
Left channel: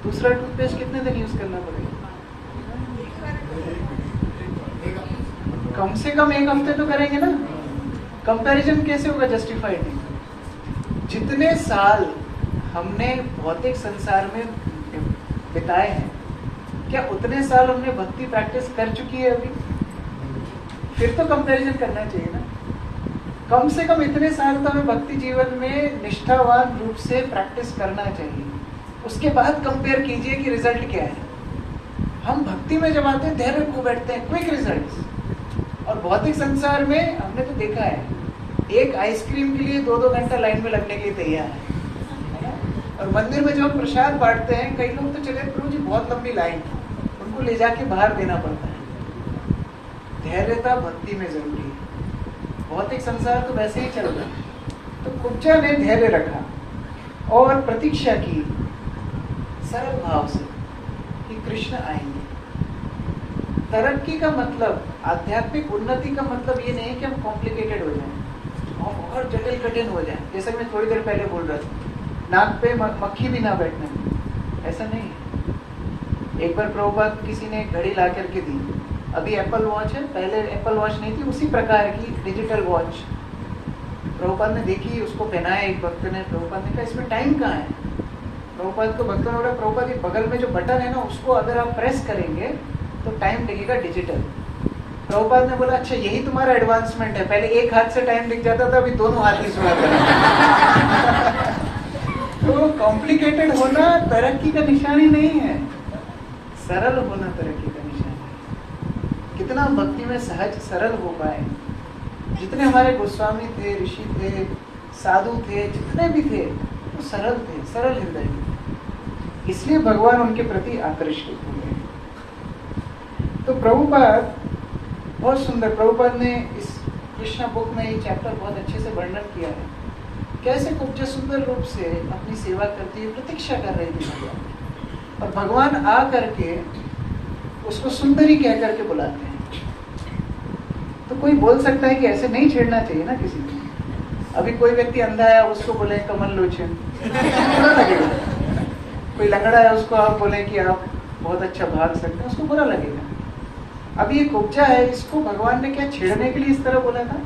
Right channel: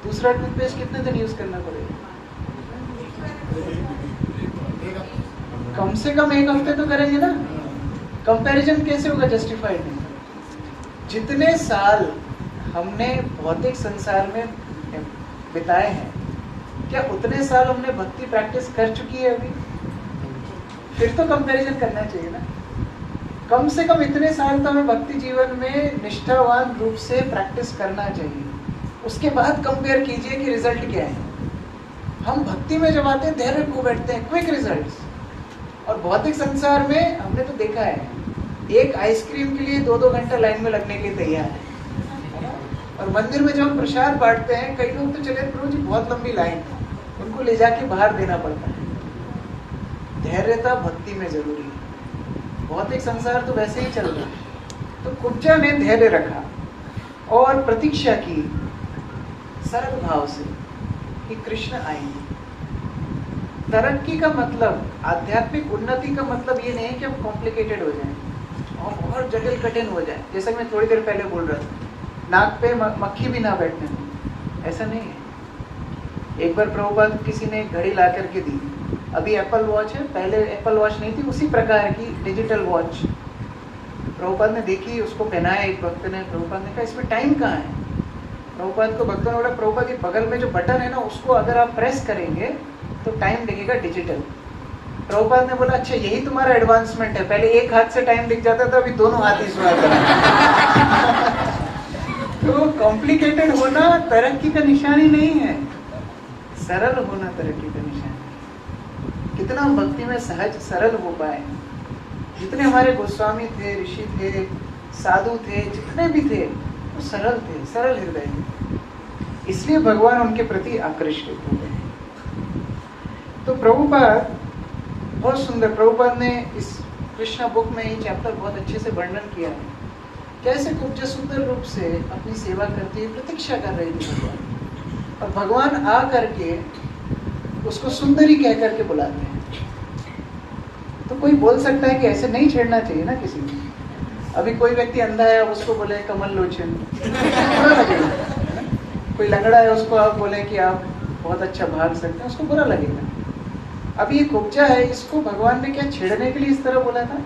दूसरा टूथपेस्ट कितने दिन यूज करना पड़ेगा? कम से कम 1 हफ्ते तो करेंगे ना। कंपैरिजन कैसे होगा? जस्टिफाइड नहीं। जितने साल हमने भौतिक संसार में बिताए हैं, क्या उतने साल हमने भक्ति प्रैक्टिस कर चुकी है अभी? फिर तो कंपैरिजन करना चाहिए ना। कम से कम इतने साल तो हमें भक्ति जीवन में निष्ठावान रूप से प्रैक्टिस करना चाहिए। उसके बाद कंपेयर कीजिए कि रिजल्ट क्या है। हम भक्ति में जब आते हैं धैर्य खो बैठते हैं, क्विक रिजल्ट्स। और भौतिक संसार में हमने तो देखा है, एक आइसक्रीम के लिए 2-2 घंटा लाइन में लगने के लिए तैयार है ना? और मंदिर में जब हम प्रसाद बांटते हैं, कई लोग तो चले प्रभु जी बहुत लंबी लाइन, उनको ले जाके बाहर देना पड़ता है। धैर्यता भक्ति में जरूरी है। भौतिक संसार तो वैसे ही चल रहा है। तो कुब्जा ने धैर्य रखा और प्रतीक्षा की सरल भाव से कि कृष्ण आएंगे। तरक्की का मतलब, आध्यात्मिक उन्नति का मतलब ये नहीं कि हम कॉम्प्लिकेटेड हो जाएं और बहुत जटिल कठिन हो जाएं। जैसा मैं थोड़ी देर पहले बोल रहा था, नाक पे मक्खी भी ना बैठने में, ऐसा नहीं है। एक बार प्रभुपाद किसी ने एक घड़ी ला करके दी, अभी एप्पल वॉच है, पहले एप्पल वॉच नहीं थी, उसी प्रकार की डिजिटल वॉच प्रभुपाद ने देखी, उसको पहनाया एक भक्त ने। प्रभुपाद ने कहा इसमें टाइम कहाँ है? प्रभुपाद को भक्तों ने बोला प्रभुपाद जी बगल में जो बटन है ना, उसको अगर आप प्रेस करेंगे तो टाइम दिखेगा डिजिटल। प्रभुपाद ने बोला अच्छा यही तुम्हारा एडवांसमेंट है, पहले एक हाथ से टाइम दिख जाता था, अभी दोनों हाथ ही सुना था। तो कॉम्प्लिकेटेड होना तरक्की का निशान ही नहीं है, सरल होना तरक्की का निशान है। कितना भक्ति में सहज सरल हो पाए। जितने हमारे गोस्वामी थे, ऋषि थे, साधु थे, जितने भी थे वो सरल थे, सरल हृदय, इसलिए भगवान उनके प्रति आकृष्ट हो गए। तो प्रभुपाद बहुत सुंदर, प्रभुपाद ने इस कृष्णा बुक में ये चैप्टर बहुत अच्छे से वर्णन किया है, कैसे कुब्जा सुंदर रूप से अपनी सेवा करती है, प्रतीक्षा कर रही थी भगवान, और भगवान आ करके उसको सुंदरी कह करके बुलाते हैं। तो कोई बोल सकता है कि ऐसे नहीं छेड़ना चाहिए ना किसी को। अभी कोई व्यक्ति अंधा है, उसको बोले कमल लोचन, बुरा लगेगा। कोई लंगड़ा है, उसको आप बोले कि आप बहुत अच्छा भाग सकते हैं, उसको बुरा लगेगा। अब ये कुब्जा है, इसको भगवान ने क्या छेड़ने के लिए इस तरह बोला था?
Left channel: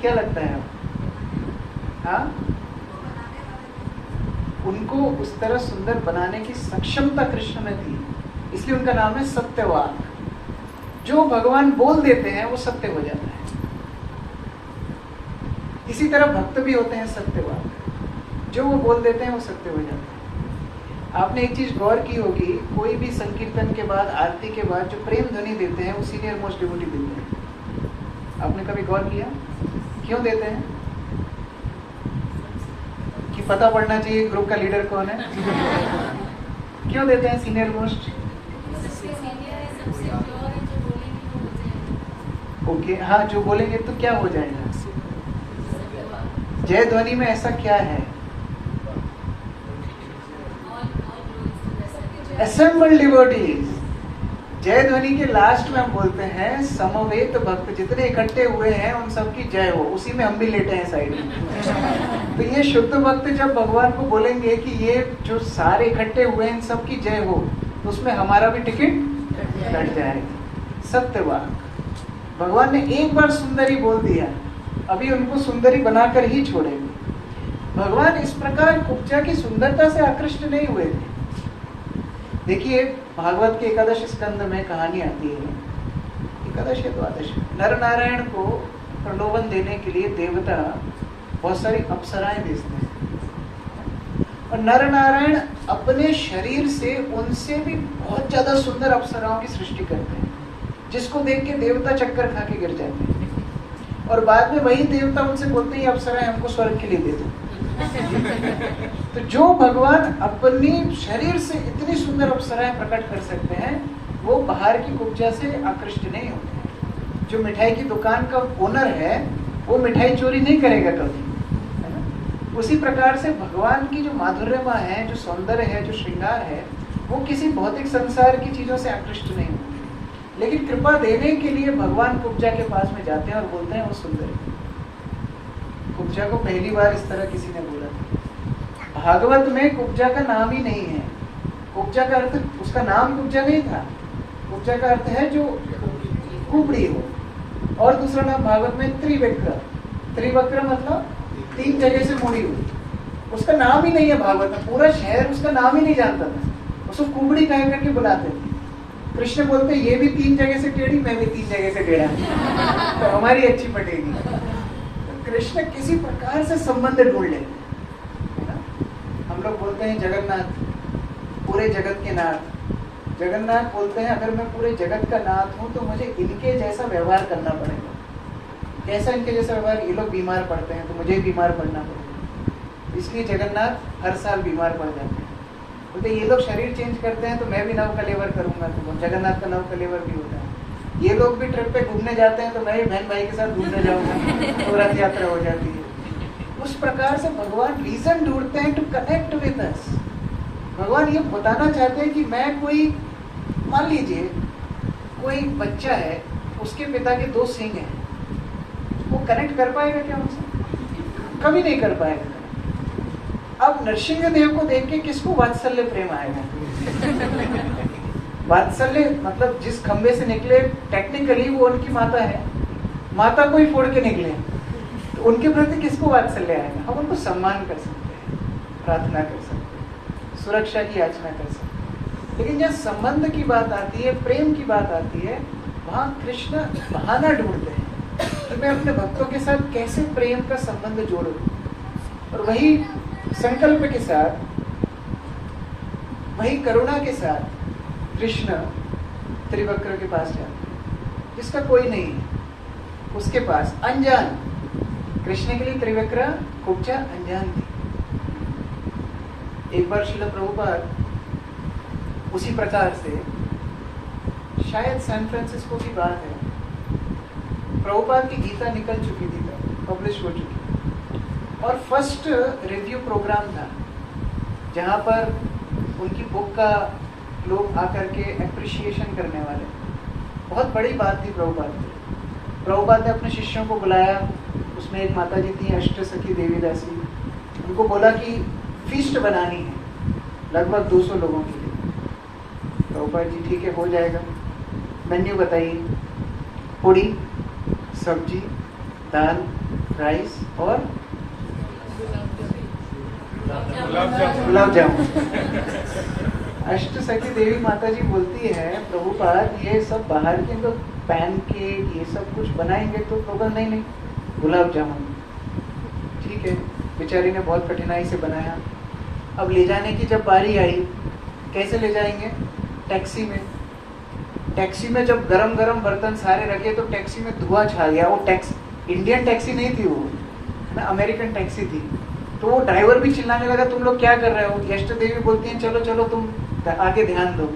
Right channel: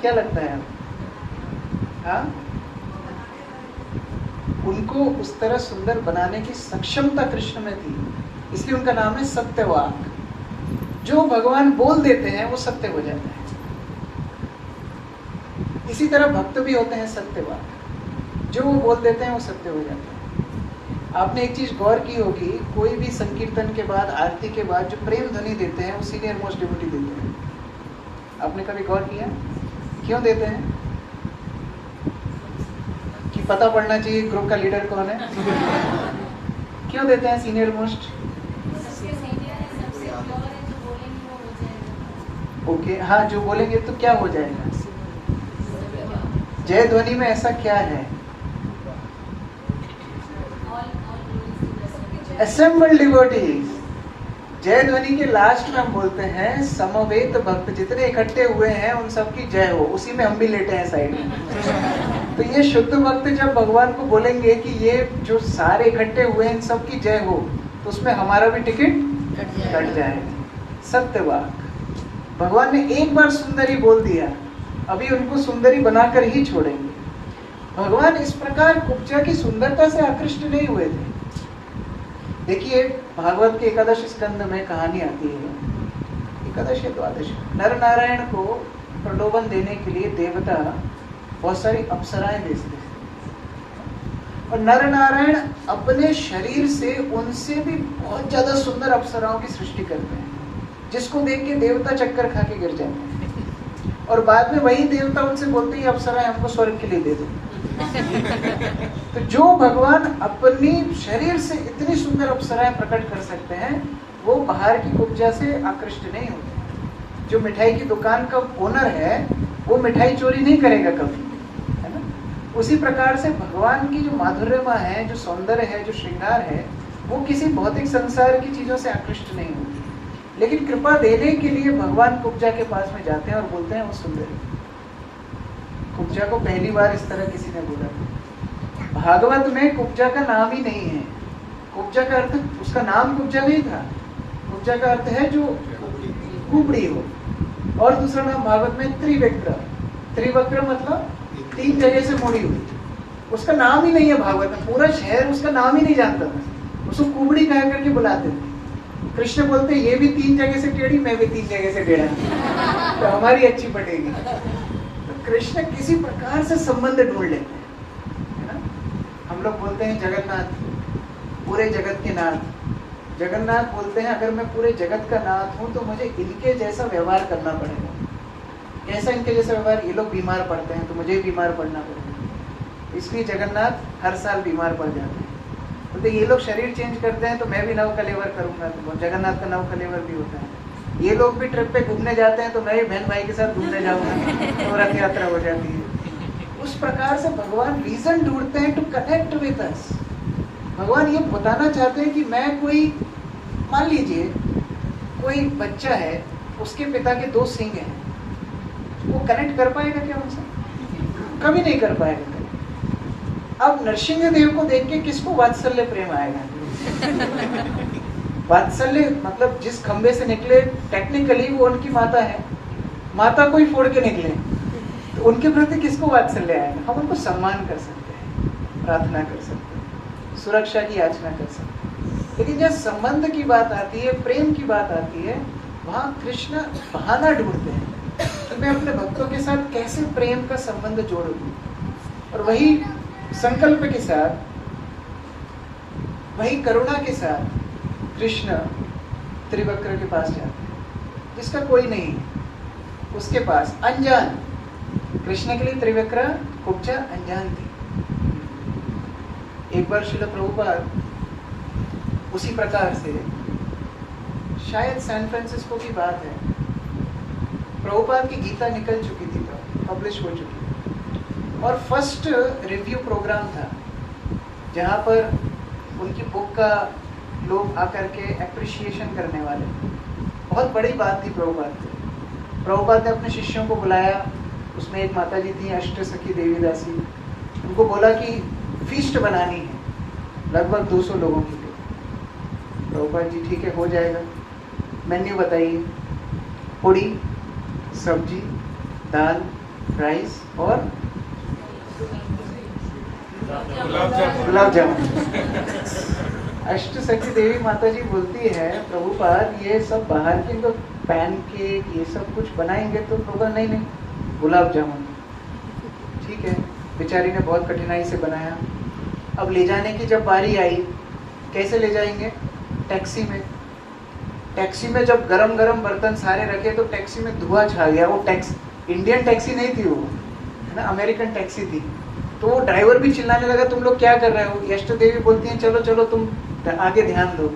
क्या लगता है आप? हाँ, उनको उस तरह सुंदर बनाने की सक्षमता कृष्ण में थी, इसलिए उनका नाम है सत्यवाक। जो भगवान बोल देते हैं वो सत्य हो जाता है। इसी तरह भक्त भी होते हैं सत्यवाक, जो वो बोल देते हैं वो सत्य हो जाता है। आपने एक चीज गौर की होगी, कोई भी संकीर्तन के बाद, आरती के बाद जो प्रेम ध्वनि देते हैं वो सीनियर मोस्ट डिवोटी देते हैं। आपने कभी गौर किया क्यों देते हैं? कि पता पड़ना चाहिए ग्रुप का लीडर कौन है। क्यों देते हैं सीनियर मोस्ट? ओके, हाँ, जो बोलेंगे तो क्या हो जाएगा? जय ध्वनि में ऐसा क्या है? Assembled devotees. जय ध्वनि के लास्ट में हम बोलते हैं समवेत भक्त जितने इकट्ठे हुए हैं उन सबकी जय हो, उसी में हम भी लेटे हैं साइड में। तो ये शुद्ध भक्त जब भगवान को बोलेंगे कि ये जो सारे इकट्ठे हुए हैं इन सबकी जय हो, तो उसमें हमारा भी टिकट कट जाएगा। सत्यवाक। भगवान ने एक बार सुंदरी बोल दिया, अभी उनको सुंदरी बनाकर ही छोड़ेंगे। भगवान इस प्रकार कुब्जा की सुंदरता से आकृष्ट नहीं हुए थे। देखिए भागवत के एकादश स्कंद में कहानी आती है, एकादश या द्वादश, नर नारायण को प्रलोभन देने के लिए देवता बहुत सारी अप्सराएं भेजते हैं, और नर नारायण अपने शरीर से उनसे भी बहुत ज्यादा सुंदर अप्सराओं की सृष्टि करते हैं, जिसको देख के देवता चक्कर खा के गिर जाते हैं। और बाद में वही देवता उनसे बोलते हैं अप्सराएं हमको स्वर्ग के लिए दे दो। तो जो भगवान अपनी शरीर से इतनी सुंदर अप्सराएं प्रकट कर सकते हैं, वो बाहर की कुब्जा से आकृष्ट नहीं होते। जो मिठाई की दुकान का ओनर है वो मिठाई चोरी नहीं करेगा कभी, है ना? उसी प्रकार से भगवान की जो माधुर्यमा है, जो सौंदर्य है, जो श्रृंगार है, वो किसी भौतिक संसार की चीजों से आकृष्ट नहीं होती। लेकिन कृपा देने के लिए भगवान कुब्जा के पास में जाते हैं और बोलते हैं वो सुंदर। कुब्जा को पहली बार इस तरह किसी ने बोला था। भागवत में कुब्जा का नाम ही नहीं है। कुब्जा का अर्थ, उसका नाम कुब्जा नहीं था। कुब्जा का अर्थ है जो कुबड़ी हो, और दूसरा नाम भागवत में त्रिवक्र। त्रिवक्र मतलब 3 जगह से मुड़ी हुई। उसका नाम ही नहीं है भागवत में, पूरा शहर उसका नाम ही नहीं जानता था, उसको कुबड़ी कह करके बुलाते थे। कृष्ण बोलते ये भी 3 जगह से टेढ़ी, मैं भी 3 जगह से टेढ़ा, तो हमारी अच्छी पटेगी। कृष्ण किसी प्रकार से संबंध ढूंढ लेते हैं, है ना। हम लोग बोलते हैं जगन्नाथ, पूरे जगत के नाथ। जगन्नाथ बोलते हैं अगर मैं पूरे जगत का नाथ हूं तो मुझे इनके जैसा व्यवहार करना पड़ेगा। कैसा इनके जैसा व्यवहार? ये लोग बीमार पड़ते हैं तो मुझे बीमार पड़ना पड़ेगा, इसलिए जगन्नाथ हर साल बीमार पड़ जाते हैं। बोलते ये लोग शरीर चेंज करते हैं तो मैं भी नव कलेवर करूंगा, तो जगन्नाथ का नव कलेवर भी होता है। ये लोग भी ट्रिप पे घूमने जाते हैं तो मैं बहन भाई के साथ घूमने जाऊंगा, तो रथ यात्रा हो जाती है। उस प्रकार से भगवान रीजन ढूंढते हैं टू कनेक्ट विद अस। भगवान ये बताना चाहते हैं कि मैं कोई, मान लीजिए कोई बच्चा है, उसके पिता के 2 सींग हैं, वो कनेक्ट कर पाएगा क्या उनसे? कभी नहीं कर पाएगा। अब नरसिंह देव को देख के किसको वात्सल्य प्रेम आएगा? वात्सल्य मतलब जिस खंबे से निकले टेक्निकली वो उनकी माता है, माता को ही फोड़ के निकले तो उनके प्रति किसको वात्सल्य आएगा? हम उनको सम्मान कर सकते हैं, प्रार्थना कर सकते हैं, सुरक्षा की याचना कर सकते हैं, लेकिन जब संबंध की बात आती है, प्रेम की बात आती है, वहां कृष्ण बहाना ढूंढते हैं कि मैं अपने भक्तों के साथ कैसे प्रेम का संबंध जोड़ूं। और वही संकल्प के साथ, वही करुणा के साथ कृष्ण त्रिवक्र के पास जाते हैं, जिसका कोई नहीं है उसके पास, अनजान। कृष्ण के लिए त्रिवक्र कुब्जा अनजान थी। एक बार श्रील प्रभुपाद उसी प्रकार से, शायद सैन फ्रांसिस्को की बात है, प्रभुपाद की गीता निकल चुकी थी, पब्लिश हो चुकी, और फर्स्ट रिव्यू प्रोग्राम था जहां पर उनकी बुक का लोग आकर के एप्रिशिएशन करने वाले। बहुत बड़ी बात थी प्रभुपाद की। प्रभुपाद ने अपने शिष्यों को बुलाया, उसमें एक माता जी थी अष्ट सखी देवी दासी, उनको बोला कि फीस्ट बनानी है लगभग 200 लोगों के लिए। प्रभुपाद जी ठीक है हो जाएगा, मेन्यू बताइए। पूड़ी, सब्जी, दाल, राइस और गुलाब जामुन। अष्ट सखी देवी माता जी बोलती है प्रभुपाद ये सब बाहर के तो पैन केक ये सब कुछ बनाएंगे तो होगा, नहीं गुलाब जामुन। ठीक है, बेचारी ने बहुत कठिनाई से बनाया। अब ले जाने की जब बारी आई, कैसे ले जाएंगे? टैक्सी में। टैक्सी में जब गरम गरम बर्तन सारे रखे तो टैक्सी में धुआं छा गया। वो टैक्सी इंडियन टैक्सी नहीं थी, वो ना अमेरिकन टैक्सी थी। तो वो ड्राइवर भी चिल्लाने लगा तुम लोग क्या कर रहे हो? यष्ट देवी बोलती हैं चलो चलो तुम आगे ध्यान दो।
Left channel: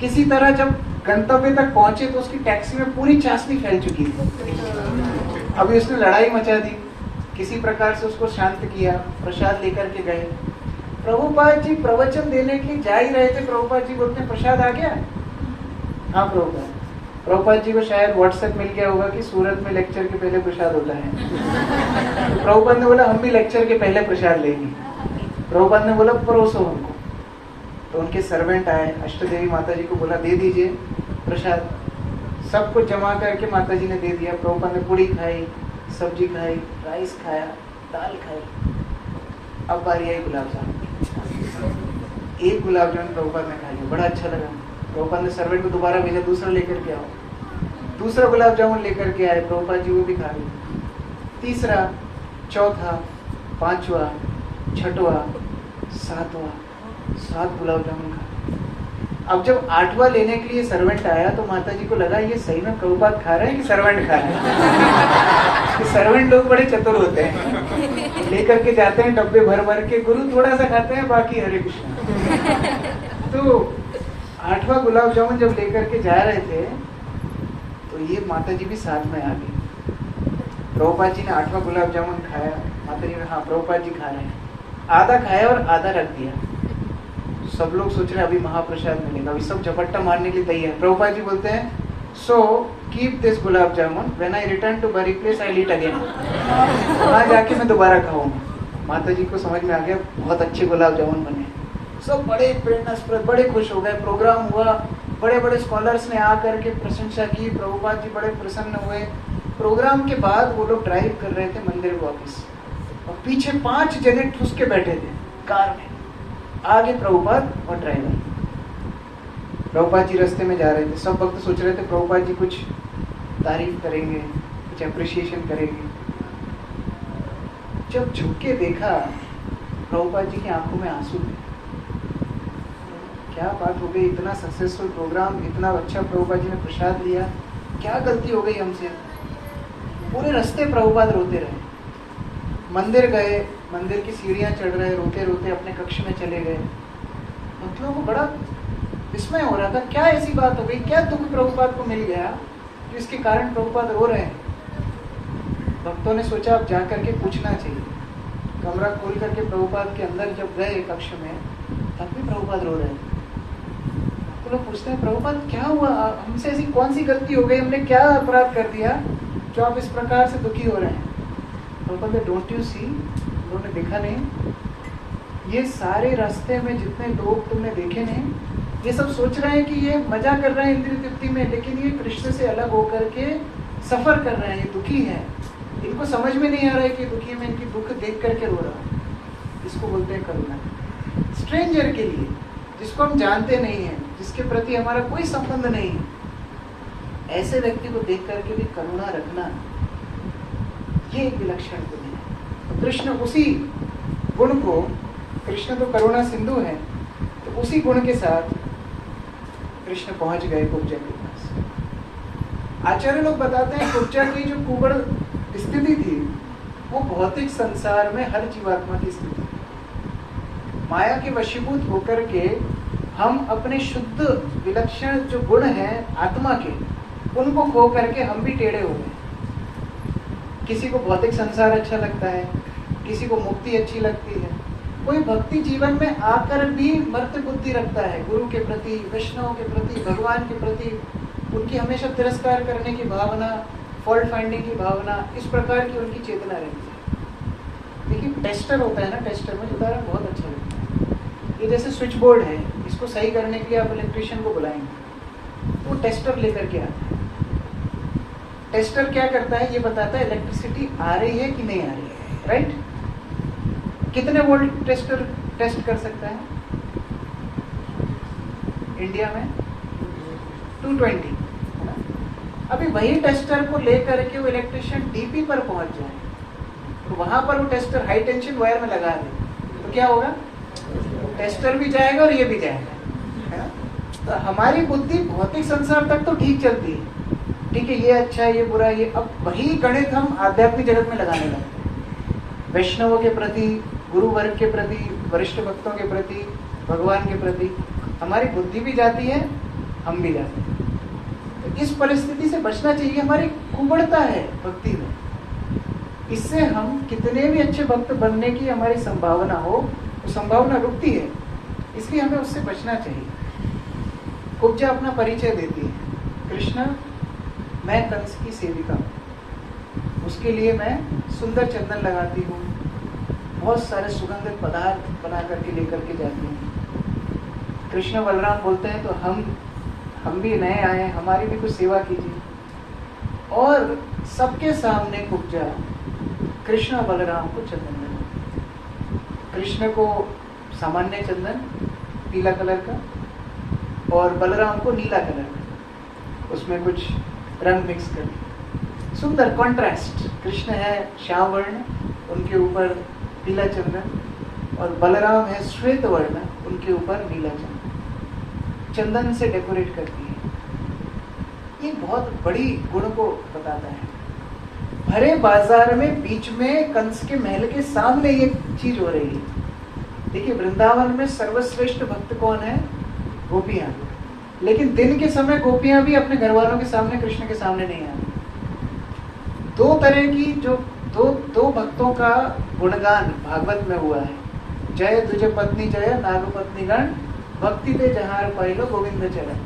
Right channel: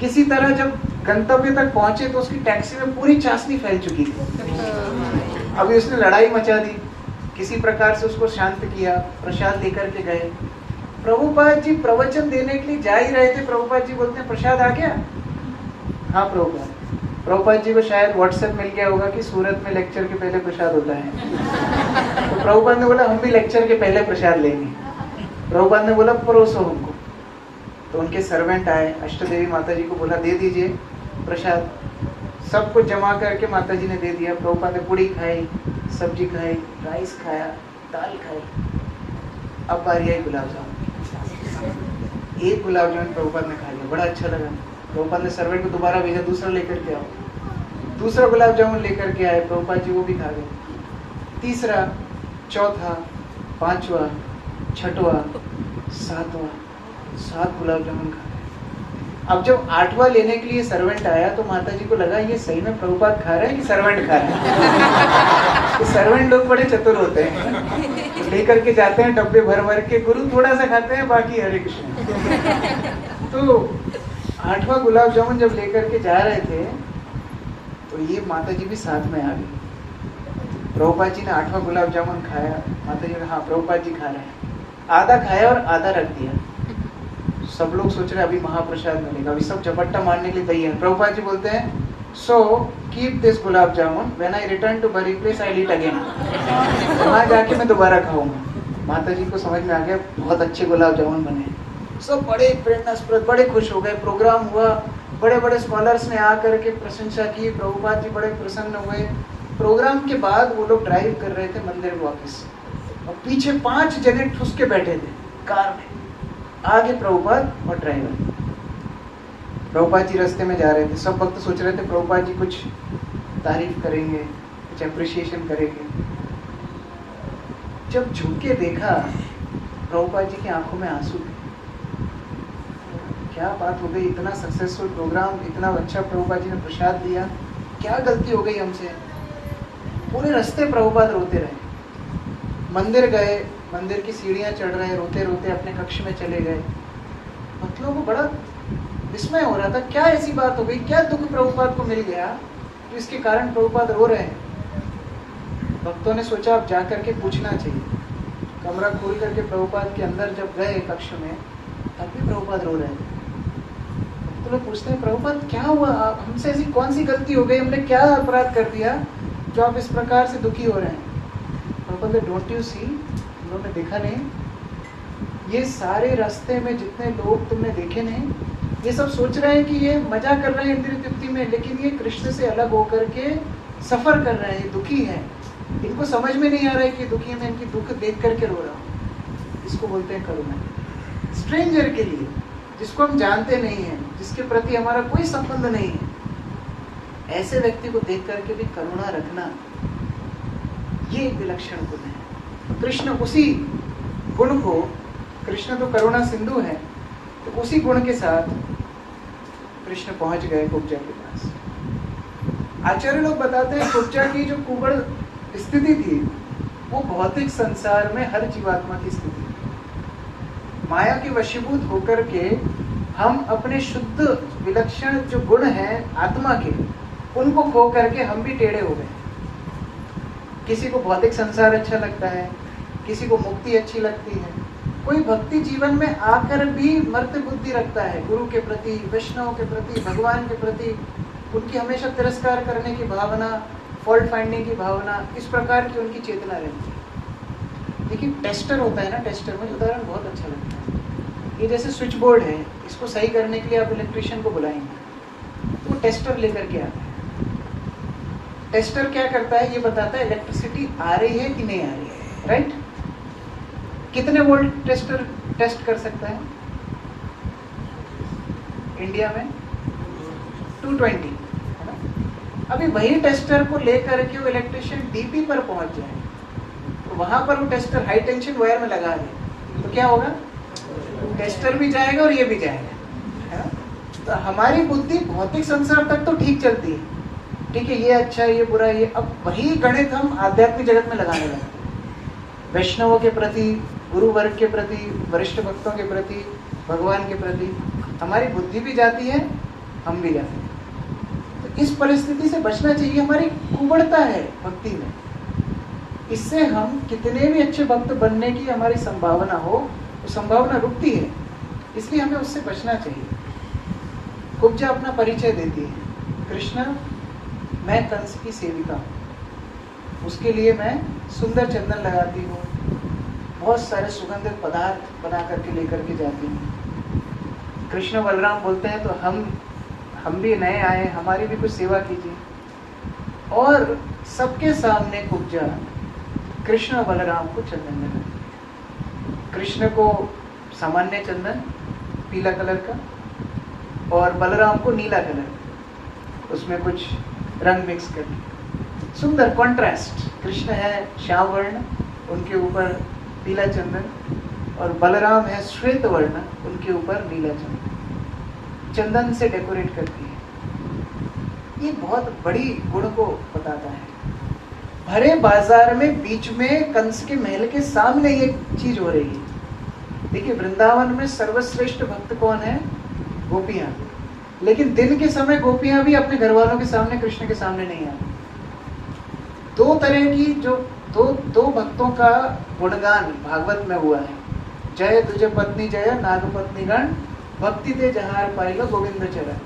किसी तरह जब गंतव्य तक पहुंचे तो उसकी टैक्सी में पूरी चाशनी फैल चुकी थी। अभी उसने लड़ाई मचा दी, किसी प्रकार से उसको शांत किया, प्रसाद लेकर के गए। प्रभुपाद जी प्रवचन देने के लिए जा ही रहे थे, प्रभुपाद जी बोलते हैं प्रसाद आ गया? हाँ प्रभुपाद। प्रभुपाद जी को शायद व्हाट्सएप मिल गया होगा कि सूरत में लेक्चर के पहले प्रसाद होता है। तो प्रभुपाद ने बोला हम भी लेक्चर के पहले प्रसाद लेंगे। प्रभुपाद ने बोला परोसो हमको। तो उनके सर्वेंट आए, अष्टदेवी माता जी को बोला दे दीजिए प्रसाद। सब कुछ जमा करके माता जी ने दे दिया। प्रभुपाद ने पूड़ी खाई, सब्जी खाई, राइस खाया, दाल खाई। अब बारी आई गुलाब जामुन। एक गुलाब जामुन प्रभुपाद ने खा लिया, बड़ा अच्छा लगा। प्रभुपाद ने सर्वेंट को दोबारा भेजा दूसरा लेकर के आओ। दूसरा गुलाब जामुन लेकर के आए, प्रभुपाद जी वो भी खा गए। तीसरा, चौथा, पांचवा, छठवा, सातवां, 7 गुलाब जामुन खा गए। अब जब 8वां लेने के लिए सर्वेंट आया तो माता जी को लगा ये सही में प्रभुपाद खा रहे हैं कि सर्वेंट खा रहे हैं। सर्वेंट लोग बड़े चतुर होते हैं, लेकर के जाते हैं डब्बे भर भर के, गुरु थोड़ा सा खाते हैं बाकी हरे कृष्ण। तो 8वां गुलाब जामुन जब लेकर के जा रहे थे तो ये माता जी भी साथ में आ गई। प्रभुपाद जी ने 8वां गुलाब जामुन खाया, माता जी ने हाँ प्रभुपाद जी खा रहे हैं। आधा खाया और आधा रख दिया। सब लोग सोच रहे अभी महाप्रसाद मिलेगा, अभी सब झपट्टा मारने के लिए तैयार। प्रभुपाद जी बोलते हैं so keep this gulab jamun, when I return to bury place I eat again. वहां जाके मैं दोबारा खाऊंगा। माता जी को समझ में आ गया बहुत अच्छे गुलाब जामुन बने। सब बड़े प्रेरणास्पद, बड़े खुश हो गए। प्रोग्राम हुआ, बड़े बड़े स्कॉलर्स ने आकर के प्रशंसा की, प्रभुपाद जी बड़े प्रसन्न हुए। प्रोग्राम के बाद वो लोग ड्राइव कर रहे थे मंदिर वापस, और पीछे 5 जने ठुस के बैठे थे कार में, आगे प्रभुपाद और ड्राइवर। प्रभुपाद जी रास्ते में जा रहे थे, सब भक्त सोच रहे थे प्रभुपाद जी कुछ तारीफ करेंगे, कुछ अप्रिशिएशन करेंगे। जब झुक के देखा, प्रभुपाद जी की आंखों में आंसू थे। क्या बात हो गई, इतना सक्सेसफुल प्रोग्राम, इतना अच्छा प्रभुपाद जी ने प्रसाद लिया, क्या गलती हो गई हमसे। पूरे रास्ते प्रभुपाद रोते रहे। मंदिर गए, मंदिर की सीढ़ियां चढ़ रहे, रोते रोते अपने कक्ष में चले गए। भक्तों को बड़ा विस्मय हो रहा था, क्या ऐसी बात हो गई, क्या दुख प्रभुपाद को मिल गया तो इसके कारण प्रभुपाद रो रहे हैं। भक्तों ने सोचा अब जा करके पूछना चाहिए। कमरा खोल करके प्रभुपाद के अंदर जब गए कक्ष में, तब भी प्रभुपाद रो रहे थे। तो लोग पूछते हैं, प्रभुपाद क्या हुआ, हमसे ऐसी कौन सी गलती हो गई, हमने क्या अपराध कर दिया जो आप इस प्रकार से दुखी हो रहे हैं। प्रभुपाद, डोंट यू सी, उन्होंने देखा नहीं, ये सारे रास्ते में जितने लोग तुमने देखे नहीं, ये सब सोच रहे हैं कि ये मजा कर रहे हैं इंद्रिय तृप्ति में, लेकिन ये कृष्ण से अलग होकर के सफर कर रहे हैं, ये दुखी हैं। इनको समझ में नहीं आ रहा है कि दुखी में इनकी दुख देख करके रो रहा हूँ। इसको बोलते हैं करुणा। स्ट्रेंजर के लिए, जिसको हम जानते नहीं हैं, जिसके प्रति हमारा कोई संबंध नहीं है, ऐसे व्यक्ति को देख करके भी करुणा रखना, ये एक विलक्षण गुण है। तो कृष्ण उसी गुण को, कृष्ण तो करुणा सिंधु है, तो उसी गुण के साथ कृष्ण पहुंच गए कुब्जा के पास। आचार्य लोग बताते हैं कुब्जा की जो कुबड़ स्थिति थी, वो भौतिक संसार में हर जीवात्मा की स्थिति थी। माया के वशीभूत होकर के हम अपने शुद्ध विलक्षण जो गुण हैं आत्मा के, उनको खो करके हम भी टेढ़े हो गए। किसी को भौतिक संसार अच्छा लगता है, किसी को मुक्ति अच्छी लगती है, कोई भक्ति जीवन में आकर भी मर्त्य बुद्धि रखता है, गुरु के प्रति, वैष्णव के प्रति, भगवान के प्रति उनकी हमेशा तिरस्कार करने की भावना, फॉल्ट फाइंडिंग की भावना, इस प्रकार की उनकी चेतना रहती है। लेकिन टेस्टर होता है ना, टेस्टर में उदाहरण बहुत अच्छा लगता है। ये जैसे स्विच बोर्ड है, इसको सही करने के लिए आप इलेक्ट्रिशियन को बुलाएंगे, तो वो टेस्टर लेकर के आता है। टेस्टर क्या करता है, ये बताता है इलेक्ट्रिसिटी आ रही है कि नहीं आ रही है, राइट। कितने वोल्ट टेस्टर टेस्ट कर सकता है इंडिया में? 220। अभी वही टेस्टर को लेकर के वो इलेक्ट्रिशियन डीपी पर पहुंच जाए, तो वहां पर वो टेस्टर हाई टेंशन वायर में लगा दे, तो क्या होगा, टेस्टर भी जाएगा और ये भी जाएगा, है ना। तो हमारी बुद्धि भौतिक संसार तक तो ठीक चलती है, ठीक है, ये अच्छा है, ये बुरा है, ये, अब वही गणित हम आध्यात्मिक जगत में लगाने लगते हैं। वैष्णवों के प्रति, गुरु वर्ग के प्रति, वरिष्ठ भक्तों के प्रति, भगवान के प्रति हमारी बुद्धि भी जाती है, हम भी जाते हैं। तो इस परिस्थिति से बचना चाहिए। हमारी कुबड़ता है भक्ति में, इससे हम कितने भी अच्छे भक्त बनने की हमारी संभावना हो, वो संभावना रुकती है, इसलिए हमें उससे बचना चाहिए। कुब्जा अपना परिचय देती है, कृष्ण मैं कंस की सेविका हूँ, उसके लिए मैं सुंदर चंदन लगाती हूँ, बहुत सारे सुगंधित पदार्थ बना करके लेकर के जाती हूँ। कृष्ण बलराम बोलते हैं तो हम भी नए आए, हमारी भी कुछ सेवा कीजिए। और सबके सामने कुब्जा कृष्ण और बलराम को चंदन लगा। कृष्ण को सामान्य चंदन पीला कलर का और बलराम को नीला कलर, उसमें कुछ रंग मिक्स कर, सुंदर कॉन्ट्रास्ट। कृष्ण है श्याम वर्ण, उनके ऊपर पीला चंदन, और बलराम है श्वेत वर्ण, उनके ऊपर नीला चंदन, चंदन से डेकोरेट करती है। ये बहुत बड़ी गुण को बताता है। भरे बाजार में बीच में कंस के महल के सामने ये चीज हो रही है। देखिए वृंदावन में सर्वश्रेष्ठ भक्त कौन है? गोपियां। लेकिन दिन के समय गोपियां भी अपने घर वालों के सामने, कृष्ण के सामने नहीं आती। दो तरह की जो दो भक्तों का गुणगान भागवत में हुआ है। जय तुझे पत्नी जय नागपत्नी गण, भक्ति ते जहार पाइलो गोविंद चरण।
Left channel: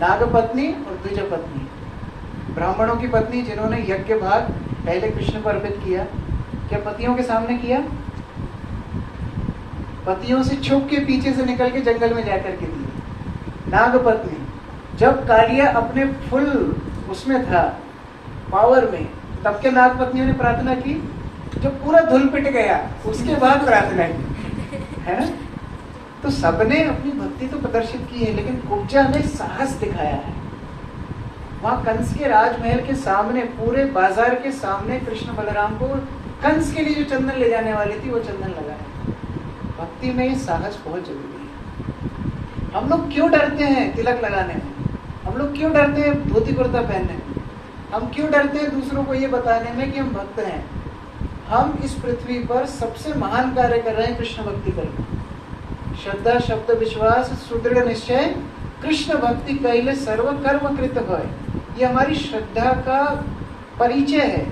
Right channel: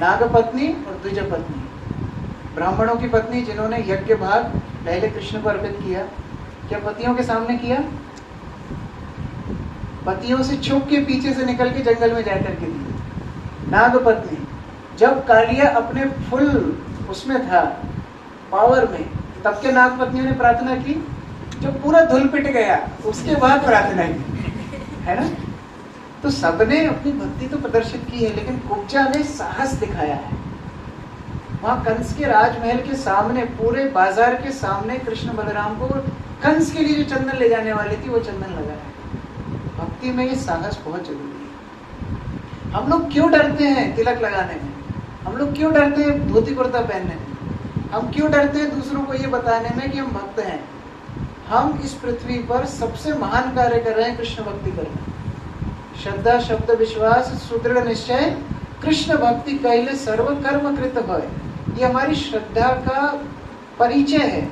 नागपत्नी और द्विज पत्नी, ब्राह्मणों की पत्नी जिन्होंने यज्ञ भाग पहले कृष्ण को अर्पित किया, क्या पतियों के सामने किया? पतियों से छुप के पीछे से निकल के जंगल में जाकर के दी। नागपत्नी जब कालिया अपने फुल उसमें था, पावर में, तब के नागपत्नियों ने प्रार्थना की, जो पूरा धुल पिट गया उसके बाद प्रार्थना की, है ना। तो सबने अपनी भक्ति तो प्रदर्शित की है, लेकिन कुब्जा ने साहस दिखाया है। वहां कंस के राजमहल के सामने, पूरे बाजार के सामने कृष्ण बलराम को कंस के लिए जो चंदन ले जाने वाली थी वो चंदन लगाया। भक्ति में ये साहस बहुत जरूरी है। हम लोग क्यों डरते हैं तिलक लगाने में? हम लोग क्यों डरते हैं धोती कुर्ता पहनने में? हम क्यों डरते हैं दूसरों को ये बताने में कि हम भक्त हैं? हम इस पृथ्वी पर सबसे महान कार्य कर रहे हैं, कृष्ण भक्ति करना। श्रद्धा शब्द विश्वास सुदृढ़ निश्चय कृष्ण भक्ति कैले सर्व कर्म कृत होय। ये हमारी श्रद्धा का परिचय है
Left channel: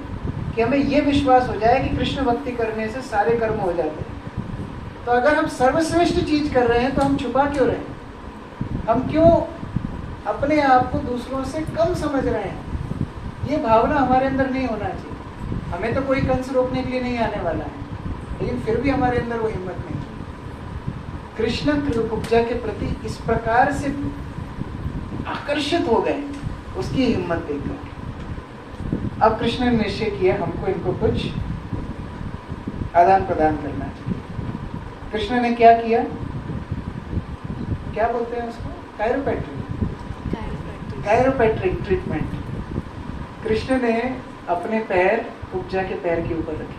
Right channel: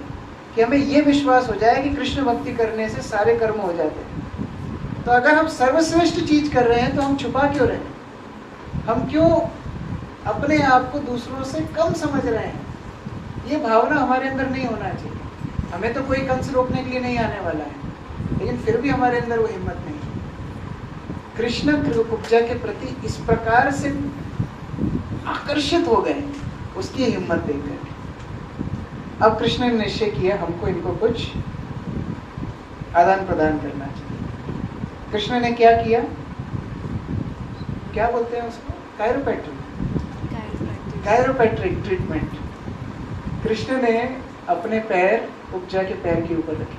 कि हमें ये विश्वास हो जाए कि कृष्ण भक्ति करने से सारे कर्म हो जाते हैं। तो अगर हम सर्वश्रेष्ठ चीज कर रहे हैं तो हम छुपा क्यों रहे हैं? हम क्यों अपने आप को दूसरों से कम समझ रहे हैं? ये भावना हमारे अंदर नहीं होना चाहिए। हमें तो कोई कंस रोकने के लिए नहीं आने वाला है, लेकिन फिर भी हमारे अंदर वो हिम्मत नहीं है। कृष्ण कुब्जा के प्रति इस प्रकार से आकर्षित हो गए, उसकी हिम्मत देखकर अब कृष्ण ने निश्चय किया हमको इनको कुछ आदान प्रदान करना चाहिए। कृष्ण ने क्या किया? क्या बोलते हैं उसको? कायरोपैट्रिक ट्रीटमेंट। कृष्ण ने अपने पैर कुब्जा के पैर के ऊपर रखे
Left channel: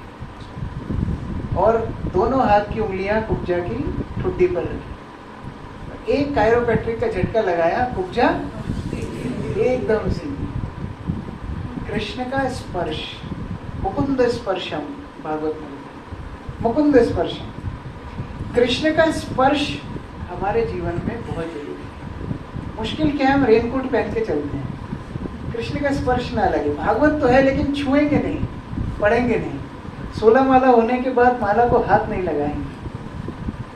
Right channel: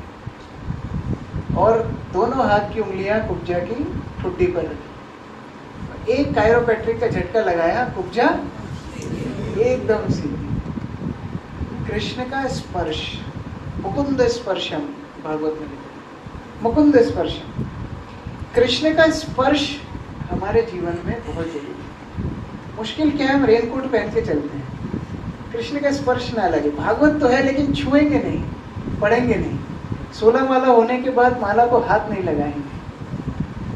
और दोनों हाथ की उंगलियां कुब्जा की ठुड्डी पर रखी। एक कायरोपैट्रिक का झटका लगाया, कुब्जा एकदम सीधी। कृष्ण का स्पर्श, मुकुंद स्पर्शम, भागवत में लिखा मुकुंद स्पर्शम। कृष्ण का स्पर्श हमारे जीवन में बहुत जरूरी है। मुश्किल क्या है, हम रेनकोट पहन के चलते हैं, कृष्ण का स्पर्श ना लगे। भागवत तो है लेकिन छुएंगे नहीं, पढ़ेंगे नहीं, 16 माला होने के बाद माला को हाथ नहीं लगाएंगे।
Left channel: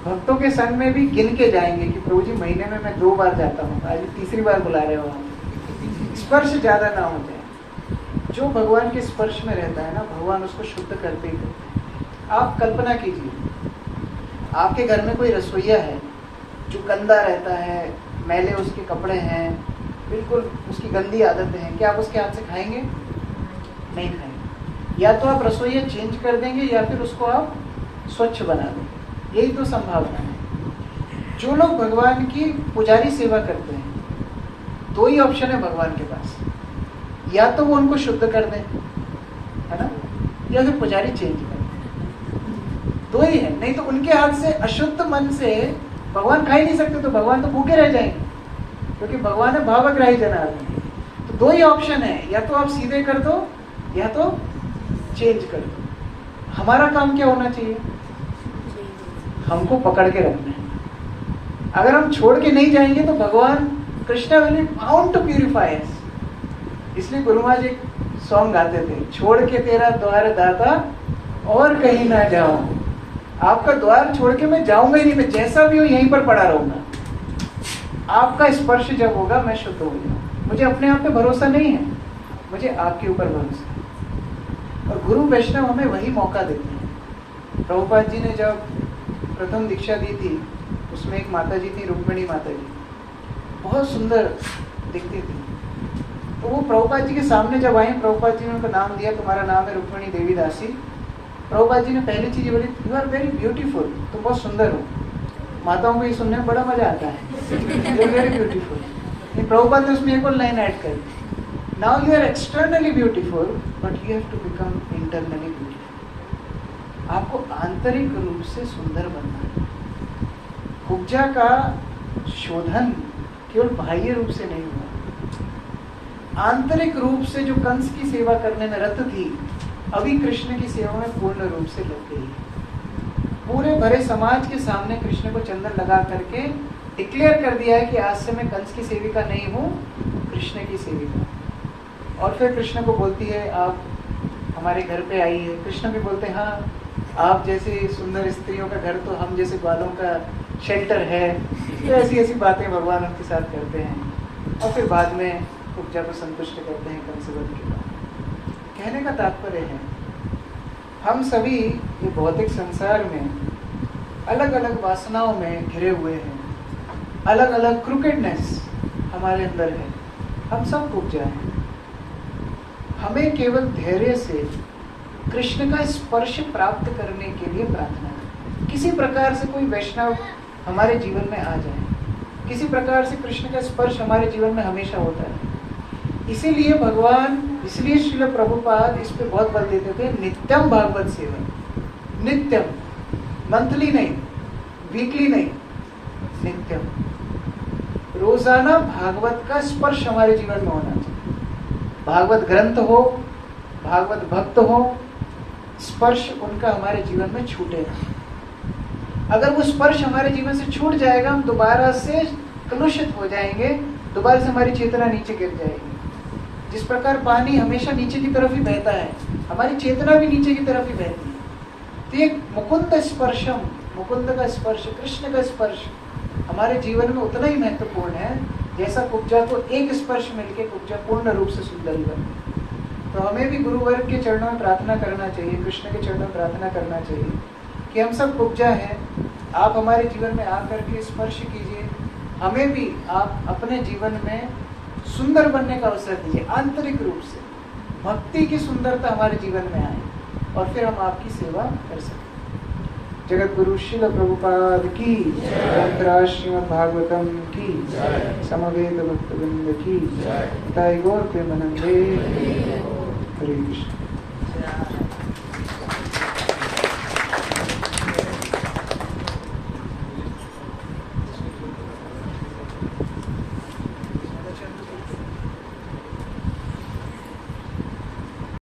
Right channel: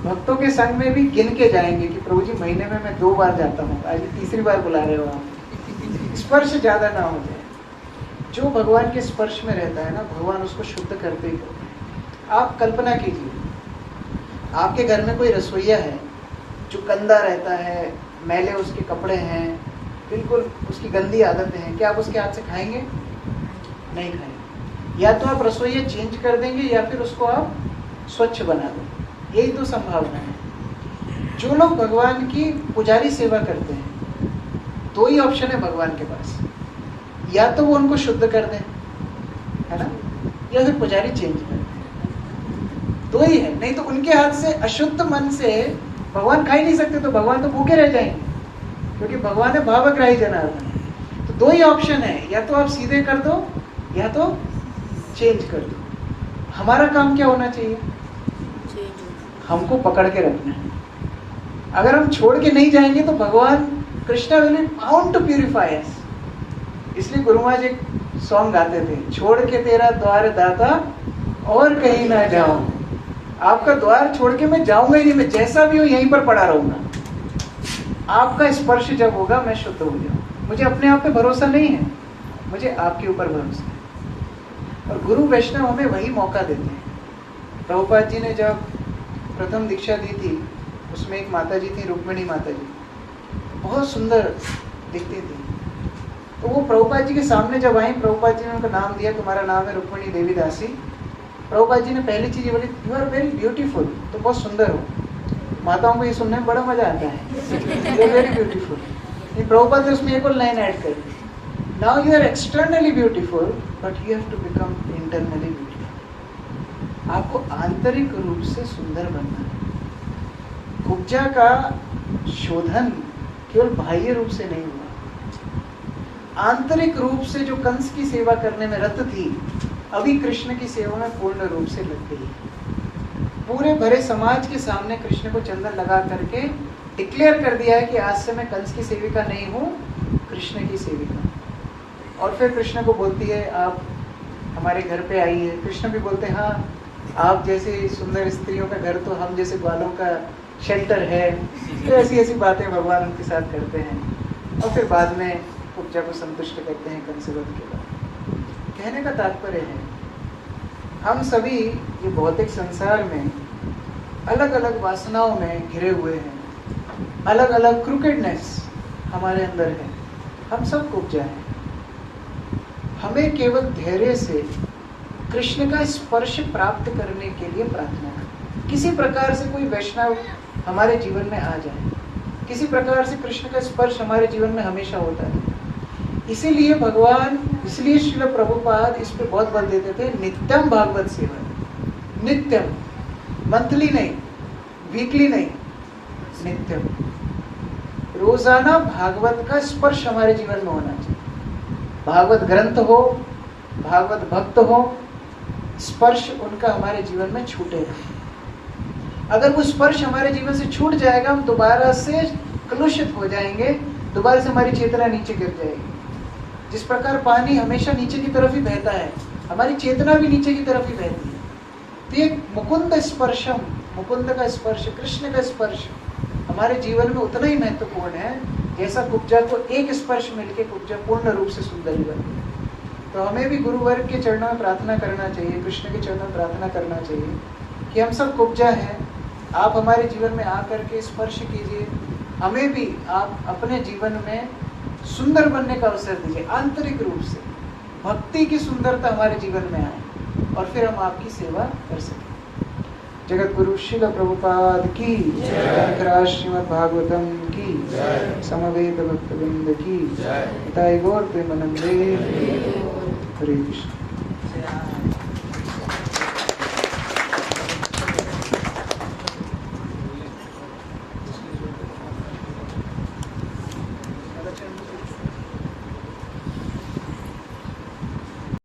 भक्तों के संग में भी गिन के जाएंगे कि प्रभु जी महीने में मैं 2 बार जाता हूँ, आज तीसरी बार बुला रहे हो आप। स्पर्श ज्यादा ना हो जाए। जो भगवान के स्पर्श में रहता है ना, भगवान उसको शुद्ध करते ही करते हैं। आप कल्पना कीजिए, आपके घर में कोई रसोईया है जो गंदा रहता है, मैले उसके कपड़े हैं, बिल्कुल उसकी गंदी आदतें हैं, क्या आप उसके हाथ से खाएंगे? नहीं खाएंगे। या तो आप रसोईया चेंज कर देंगे या फिर उसको आप स्वच्छ बना देंगे। यही तो संभावना है। जो लोग भगवान की पुजारी सेवा करते हैं, 2 ही ऑप्शन है भगवान के पास, या तो वो उनको शुद्ध कर दें, है ना, या फिर पुजारी चेंज कर दें। 2 ही है। नहीं तो उनके हाथ से अशुद्ध मन से भगवान खा ही नहीं सकते, तो भगवान तो भूखे रह जाएंगे, क्योंकि भगवान है भावग्राही जनार्दन। तो 2 ही ऑप्शन है, या तो आप सीधे कर दो या तो चेंज कर दो। हमारा काम क्या होना चाहिए? हमको पकड़ के रखना है। अगर हम छोड़ के नहीं जाएंगे तो भगवान Krishna will be bound to purify us. इसलिए गुरु महाराज एक सॉन्ग गाते थे, छोड़ के तेरा द्वार दाता और कहीं ना जाऊं। आपका द्वार छोड़ के मैं जाऊंगा ही नहीं, मैं जैसा भी हूं यहीं पर पड़ा रहूंगा। आपका स्पर्श जब होगा मैं शुद्ध हो जाऊंगा। मुझे अपने आप पे भरोसा नहीं है, मुझे आपके ऊपर भरोसा है। और गुरु वैष्णव हमें वही मौका देते हैं। प्रभुपाद जी ने जब प्रथम दीक्षा दी थी, उसमें एक माता जी थी, रुक्मिणी माता जी, बहुत सुंदर दिखती थी। तो वो प्रभुपाद जी के सामने जब आई, प्रभुपाद जी ने उनका नाम दिया, तुम्हारा नाम है रुक्मिणी देवी दासी। प्रभुपाद जी ने पहली चीज बोली, यू आर वेरी ब्यूटीफुल, तो बहुत सुंदर हो। माताओं को ये सुनने में बड़ा मजा आता है, you are very beautiful. Prabhupada ने उसमें एक और लाइन ऐड कर दी, now you are externally beautiful but you have to become internally beautiful. आपको आंतरिक रूप से सुंदर बनना है। कुब्जा का शोधन केवल बाह्य रूप से नहीं हुआ, आंतरिक रूप से जो कंस की सेवा करने में रत थी, अभी कृष्ण की सेवा में पूर्ण रूप से लग गई। पूरे भरे समाज के सामने कृष्ण को चंदन लगा करके डिक्लेयर कर दिया है कि आज से मैं कंस की सेविका नहीं हूँ, कृष्ण की सेविका। और फिर कृष्ण को बोलती है, आप हमारे घर पे आई है। कृष्ण भी बोलते हैं, हाँ, आप जैसे सुंदर स्त्रियों का घर तो हम जैसे बालों का शेल्टर है। तो ऐसी ऐसी बातें भगवान उनके साथ करते हैं और फिर बाद में कुब्जा को संतुष्ट करते हैं कंसवध के बाद। कहने का तात्पर्य है, हम सभी ये भौतिक संसार में अलग अलग वासनाओं में घिरे हुए हैं, अलग अलग क्रूकेडनेस हमारे अंदर है, हम सब कुब्जा हैं। हमें केवल धैर्य से कृष्ण का स्पर्श प्राप्त करने के लिए प्रार्थना करें। किसी प्रकार से कोई वैष्णव हमारे जीवन में आ जाए, किसी प्रकार से कृष्ण का स्पर्श हमारे जीवन में हमेशा होता है। इसीलिए भगवान, इसलिए श्रील प्रभुपाद इस पे बहुत बल देते थे, नित्यम भागवत सेवन, नित्यम, मंथली नहीं, वीकली नहीं, नित्यम। रोजाना भागवत का स्पर्श हमारे जीवन में होना चाहिए। भागवत ग्रंथ हो, भागवत भक्त हो, स्पर्श उनका हमारे जीवन में छूटे। अगर वो स्पर्श हमारे जीवन से छूट जाएगा, हम दोबारा से कलुषित हो जाएंगे, दोबारा से हमारी चेतना नीचे गिर जाएगी। जिस प्रकार पानी हमेशा नीचे की तरफ ही बहता है, हमारी चेतना भी नीचे की तरफ ही बहती है। तो ये मुकुंद स्पर्शम, मुकुंद का स्पर्श, कृष्ण का स्पर्श हमारे जीवन में उतना ही महत्वपूर्ण है जैसा कुब्जा को एक स्पर्श मिलकर कुब्जा पूर्ण रूप से सुंदर ही बन गई। तो हमें भी गुरुवर्ग के चरणों में प्रार्थना करना चाहिए, कृष्ण के चरणों में प्रार्थना करना चाहिए कि हम सब कुब्जा हैं, आप हमारे जीवन में आकर के स्पर्श कीजिए, हमें भी आप अपने जीवन में सुंदर बनने का अवसर दीजिए, आंतरिक रूप से भक्ति की सुंदरता हमारे जीवन में आए और फिर हम आपकी सेवा कर सकें। जगत गुरु श्रील प्रभुपाद की, शंकराचार्य श्रीमद् भागवतम की, समवेत भक्तवृंद की, हिताय गौर प्रेमानंदे, हरे कृष्ण।